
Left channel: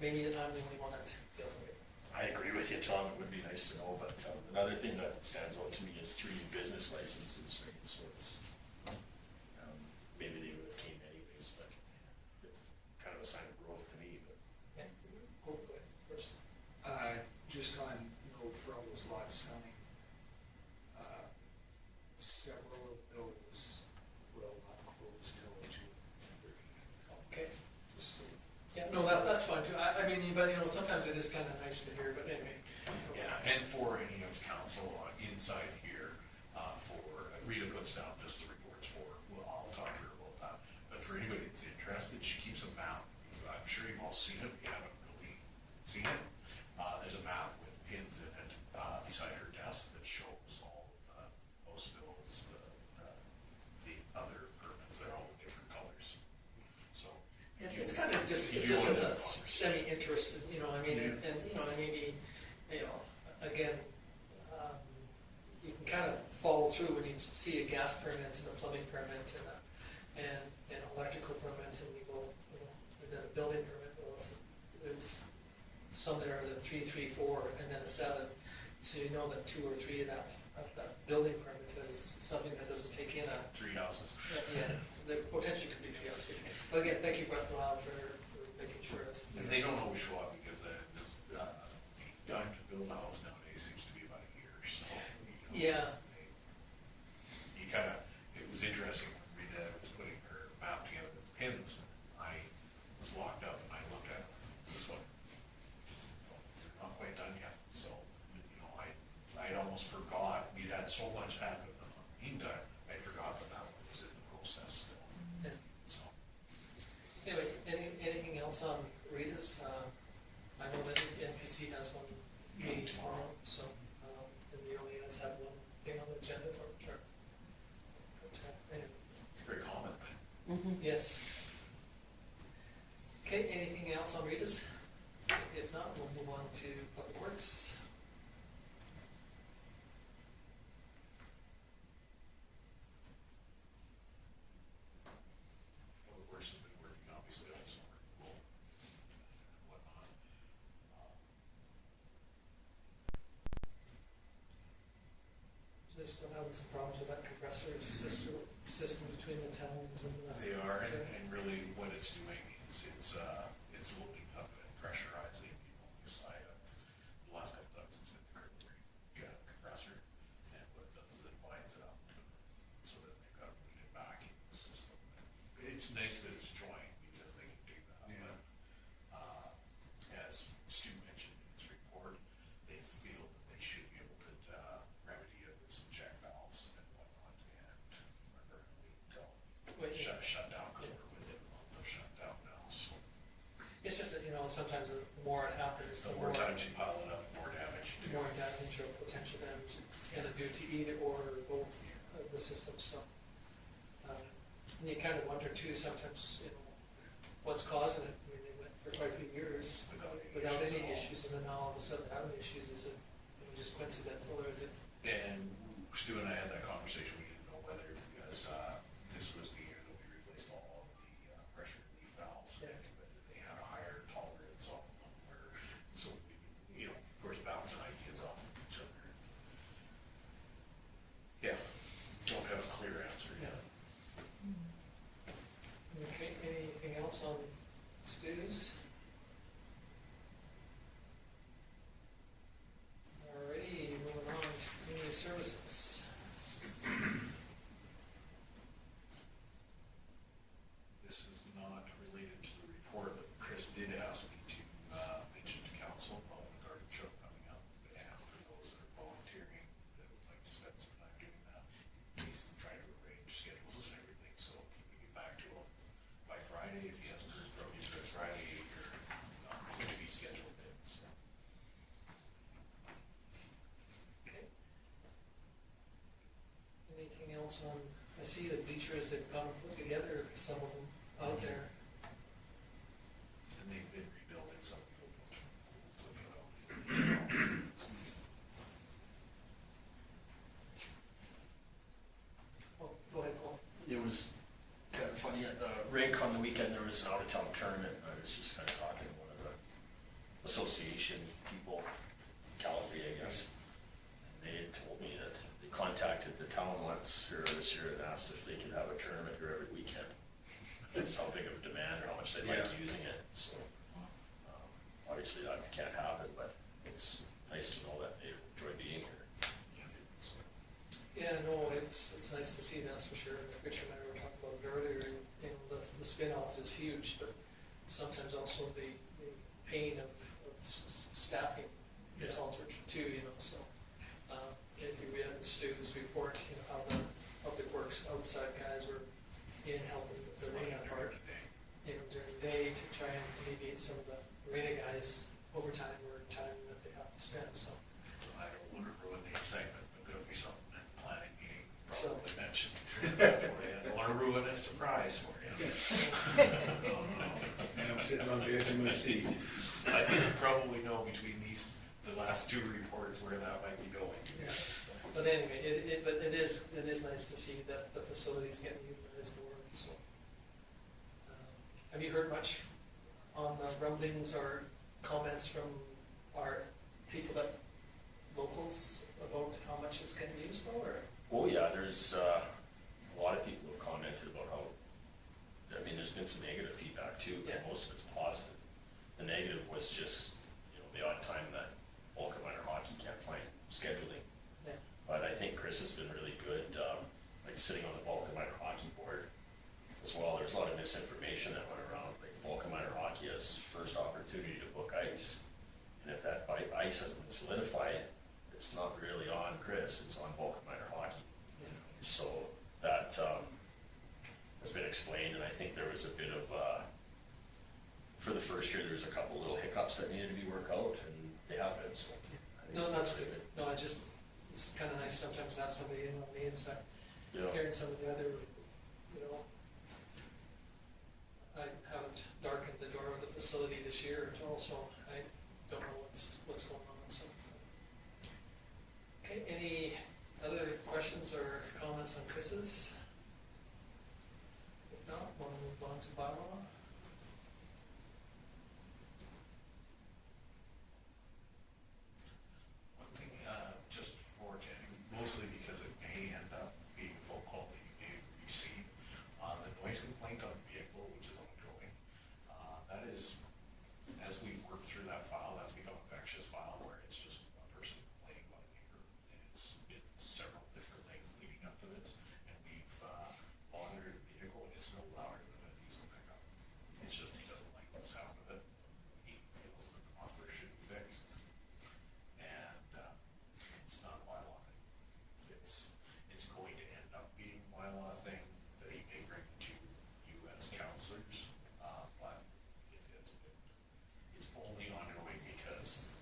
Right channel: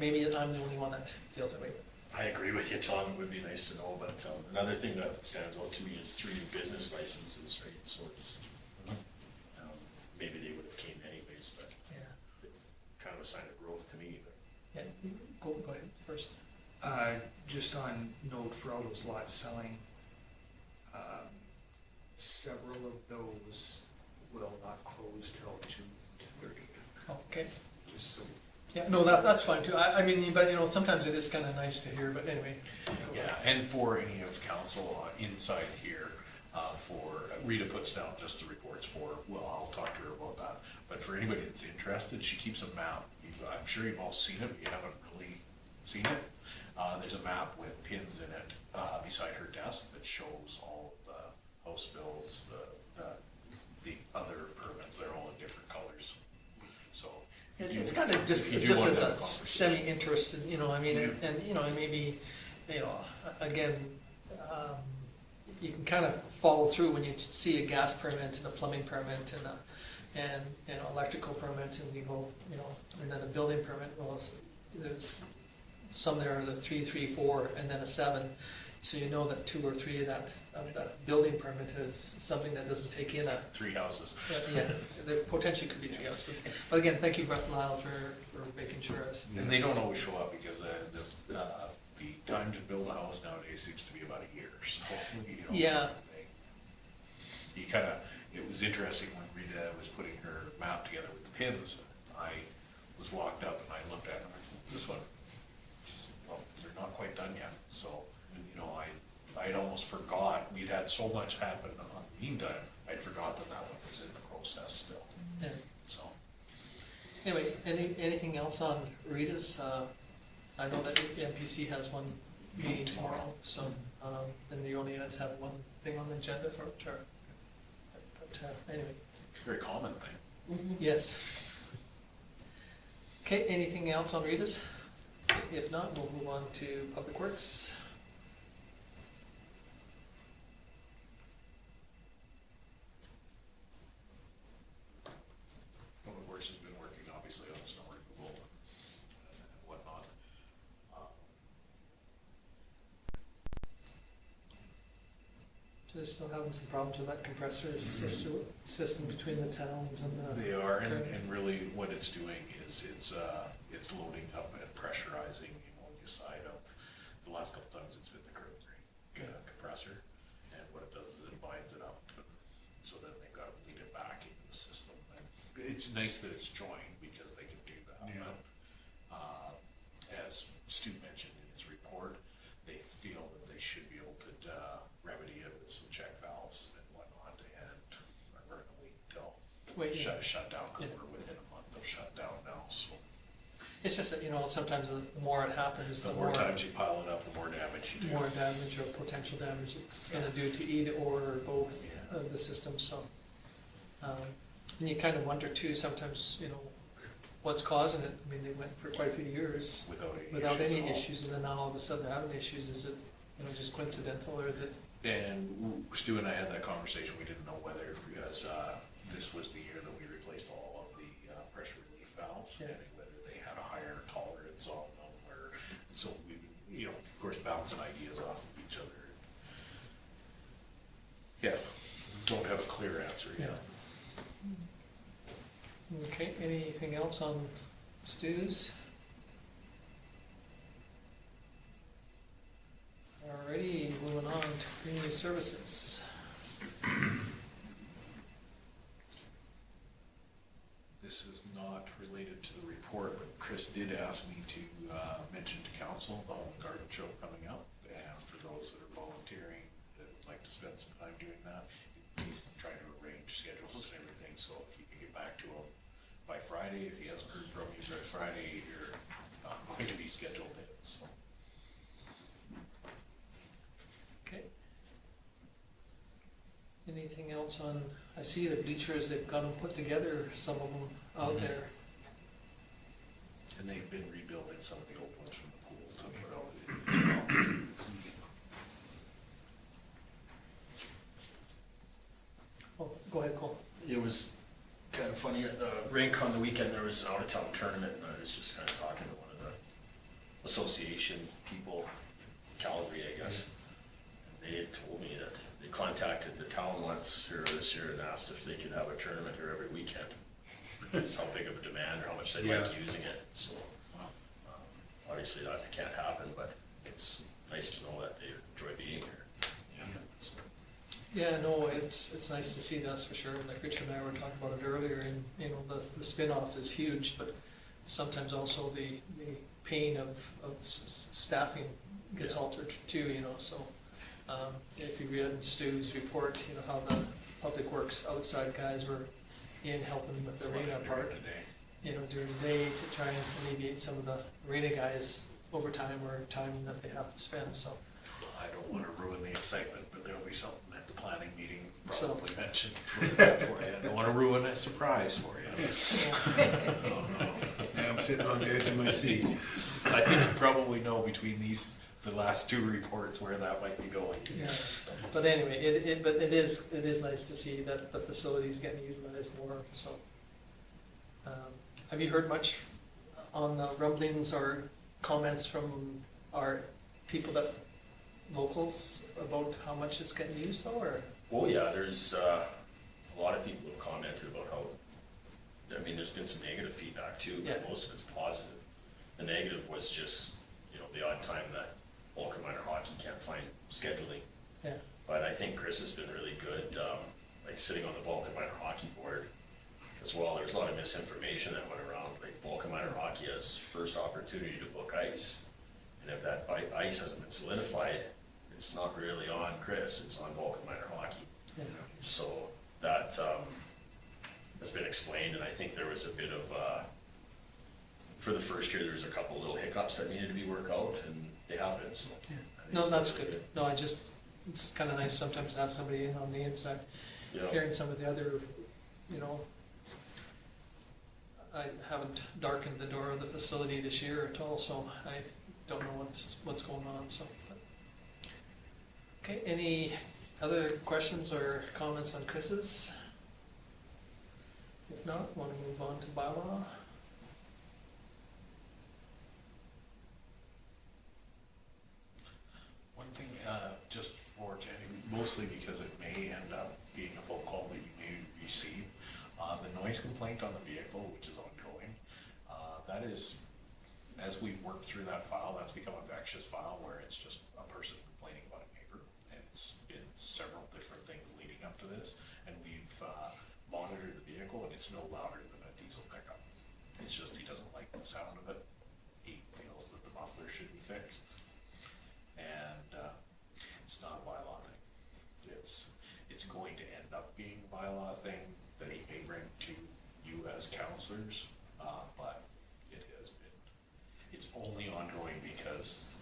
maybe I'm the only one that feels that way. I agree with you, Tom, it would be nice to know, but another thing that stands out to me is 3 business licenses, right? So it's, maybe they would have came anyways, but Yeah, it's kind of a sign of growth to me, but. yeah, go ahead first. Just on note for all those lots selling, several of those will not close till June 30th. Okay. Just so. Yeah, no, that's fine too. I mean, but sometimes it is kind of nice to hear, but anyway. Yeah, and for any of council inside here, for Rita puts down just the reports for, well, I'll talk to her about that. But for anybody that's interested, she keeps a map. I'm sure you've all seen it, but you haven't really seen it. There's a map with pins in it beside her desk that shows all of the house bills, the other permits. They're all in different colors. So It's kind of just, if you just want as to a have a conversation. semi-interested, I mean, and maybe, again, you can kind of follow through when you see a gas permit and a plumbing permit and electrical permit, and we go, and then a building permit. Well, there's some there are the 3, 3, 4, and then a 7. So you know that 2 or 3 of that building permit is something that doesn't take in 3 houses. yeah, there potentially could be 3 houses. But again, thank you, Lyle, for making sure it's. And they don't always show up because the time to build a house nowadays seems to be about a year. So Yeah. You kind of, it was interesting when Rita was putting her map together with the pins. I was walked up and I looked at it and I thought, this one, well, they're not quite done yet. So I'd almost forgot, we'd had so much happen in the meantime, I'd forgot that one was in the process still. Yeah. So, Anyway, anything else on Rita's? I know that the NPC has one meeting tomorrow, so, and you only guys have one thing on the agenda for sure. But anyway, it's a very common thing. yes. Okay, anything else on Rita's? If not, we'll move on to Public Works. Public Works has been working obviously on snow removal and whatnot. Just still having some problems with that compressor system between the towns and the. They are, and really what it's doing is it's loading up and pressurizing the ammonia side of, the last couple times it's been the curb brake compressor, and what it does is it binds it up, so then they've got to bleed it back into the system. And it's nice that it's joined because they can do that. Yeah. But, as Stu mentioned in his report, they feel that they should be able to remedy it with some check valves and whatnot, and are going to wait until Wait, shut down, because Yeah. we're within a month of shutdown now, so. It's just that, you know, sometimes the more it happens, The more times you pile it up, the more damage you do. more damage or potential damage it's gonna do to either or both Yeah. of the systems, so. And you kind of wonder too, sometimes, you know, what's causing it. I mean, they went for quite a few years without any at all. issues, and then now all of a sudden they're having issues. Is it, you know, just coincidental, or is it? And Stu and I had that conversation, we didn't know whether, because this was the year that we replaced all of the pressure relief valves, Yeah. and whether they had a higher tolerance on them, or, so we, you know, of course, bouncing ideas off of each other. Yeah, don't have a clear answer yet. Okay, anything else on stews? Alrighty, moving on to community services. This is not related to the report, but Chris did ask me to mention to council the home garden show coming up. And for those that are volunteering, that would like to spend some time doing that, he's trying to arrange schedules and everything, so if you can get back to him by Friday, if he hasn't heard from you by Friday, you're not going to be scheduled in, so. Okay. Anything else on, I see the bleachers, they've got them put together, some of them out Mhm. there. And they've been rebuilding some of the old ones from the pool to put out. Oh, go ahead, Cole. It was kind of funny, at the rink on the weekend, there was an out-of-town tournament, and I was just kind of talking to one of the association people, Calgary, I guess. And they had told me that they contacted the town once or this year and asked if they could have a tournament here every weekend. It's how big of a demand or how much they like Yeah. using it, so. Obviously that can't happen, but it's nice to know that they enjoy being here. So, Yeah, no, it's nice to see, that's for sure. Like Richard and I were talking about it earlier, and, you know, the spin-off is huge, but sometimes also the pain of staffing gets Yeah. altered too, you know, so. If you read in Stu's report, you know, how the public works outside guys were in helping with the arena part, Today. you know, during the day to try and alleviate some of the arena guys' overtime or time that they have to spend, so. I don't want to ruin the excitement, but there'll be something at the planning meeting So- probably mentioned for you. I don't want to ruin a surprise for you. Yeah, I'm sitting on the edge of my seat. I think you probably know between the last two reports where that might be going. Yeah. So, But anyway, it is nice to see that the facility's getting utilized more, so. Have you heard much on the rumblings or comments from our people locals about how much it's getting used though, or? oh yeah, there's a lot of people have commented about how, I mean, there's been some negative feedback too, but Yeah. most of it's positive. The negative was just, you know, the odd time that Vulcan Minor Hockey can't find scheduling. Yeah. But I think Chris has been really good, like sitting on the Vulcan Minor Hockey board as well. There's a lot of misinformation that went around, like Vulcan Minor Hockey has first opportunity to book ice. And if that ice hasn't been solidified, it's not really on Chris, it's on Vulcan Minor Hockey. Yeah. So that has been explained, and I think there was a bit of, for the first year, there was a couple little hiccups that needed to be worked out, and they have been, so. I think No, it's that's really good. No, it's kinda nice sometimes to have somebody in on the inside, Yeah. hearing some of the other, you know. I haven't darkened the door of the facility this year at all, so I don't know what's going on, so. Okay, any other questions or comments on Chris's? If not, wanna move on to bylaw? one thing, just for Jenny, mostly because it may end up being a phone call that you may receive, the noise complaint on the vehicle, which is ongoing, that is, as we've worked through that file, that's become a vexatious file where it's just a person complaining about a neighbor, and it's been several different things leading up to this, and we've monitored the vehicle, and it's no louder than a diesel pickup. It's just he doesn't like the sound of it. He feels that the muffler should be fixed. And it's not a bylaw thing. It's going to end up being a bylaw thing that he may bring to you as counselors, but it has been only ongoing because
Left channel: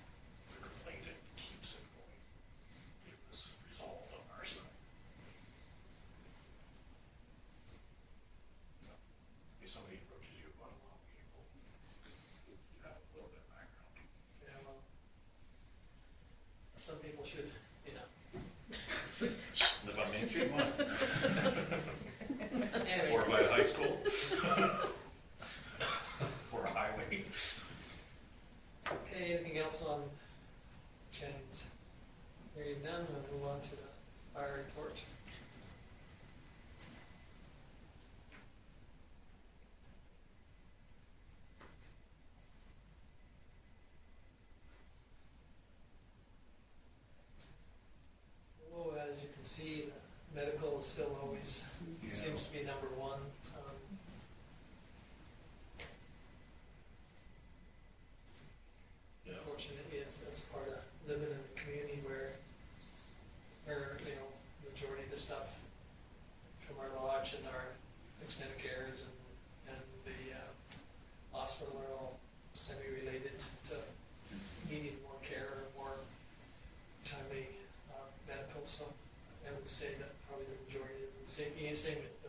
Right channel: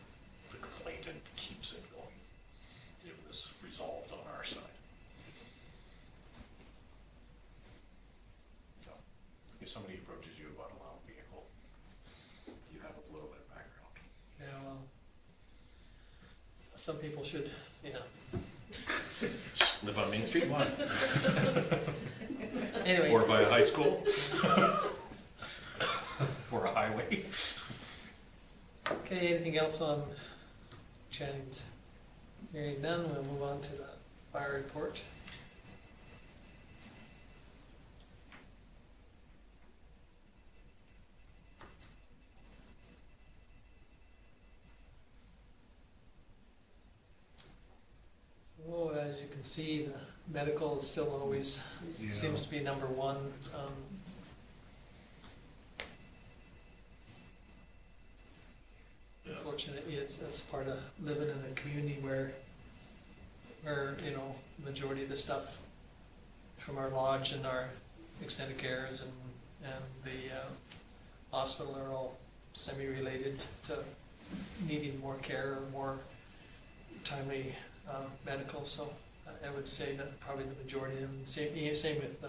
the complainant keeps it going. It was resolved on our side. So, if somebody approaches you about a loud vehicle, you have a little bit of background. Yeah, well, some people should, yeah. Live on Main Street, one. Anyway. Or by a high school. Or a highway. Okay, anything else on Channing's? Hearing none, we'll move on to the fire report. Well, as you can see, the medical is still always, Yeah. seems to be number one. Yeah. Unfortunately, it's part of living in a community where, you know, majority of the stuff from our lodge and our extended cares and the hospital are all semi-related to needing more care or more timely medical, so I would say that probably the majority of them, same with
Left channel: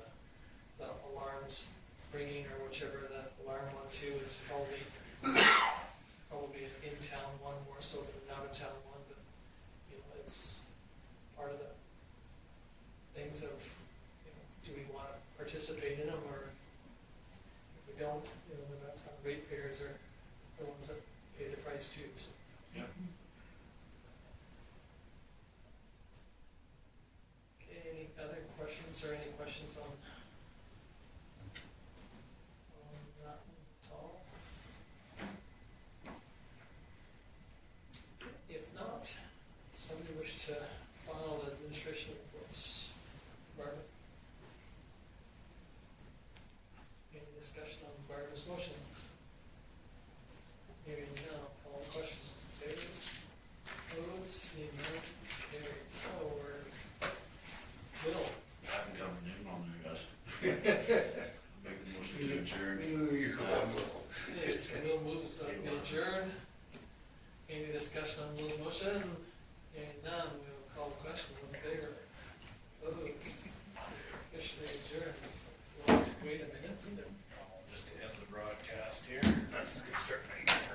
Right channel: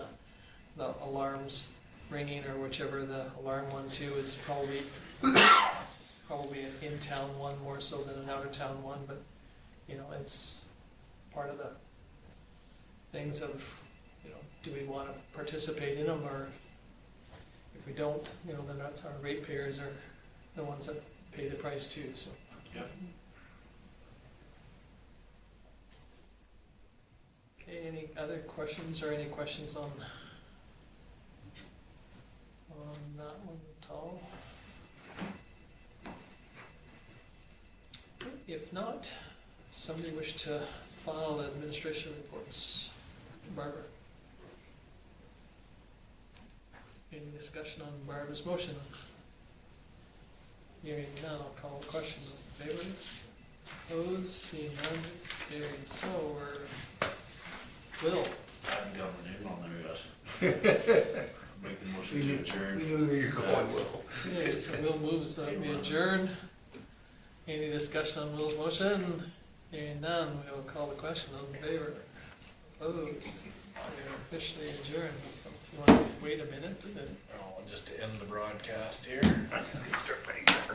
the alarms ringing or whichever the alarm one too is probably an in-town one more so than an out-of-town one, but, you know, it's part of the things of, you know, do we wanna participate in them, or if we don't, you know, then that's our ratepayers are the ones that pay the price too, so. Yeah. Okay, any other questions or any questions on that one at all? If not, somebody wish to file administration reports? Barbara? Any discussion on Barbara's motion? Hearing none, I'll call the question. Those in favor? Opposed, seeing none, it's carried. So Will, I haven't got my name on there yet. Make the motion to adjourn. We knew you were going, Will. okay, so Will moves that we adjourn. Any discussion on Will's motion? Hearing none, we'll call the question. Those in favor? Opposed? We are officially adjourned. So if you want to just wait a minute, then Just to end the broadcast here. I'm just gonna start writing.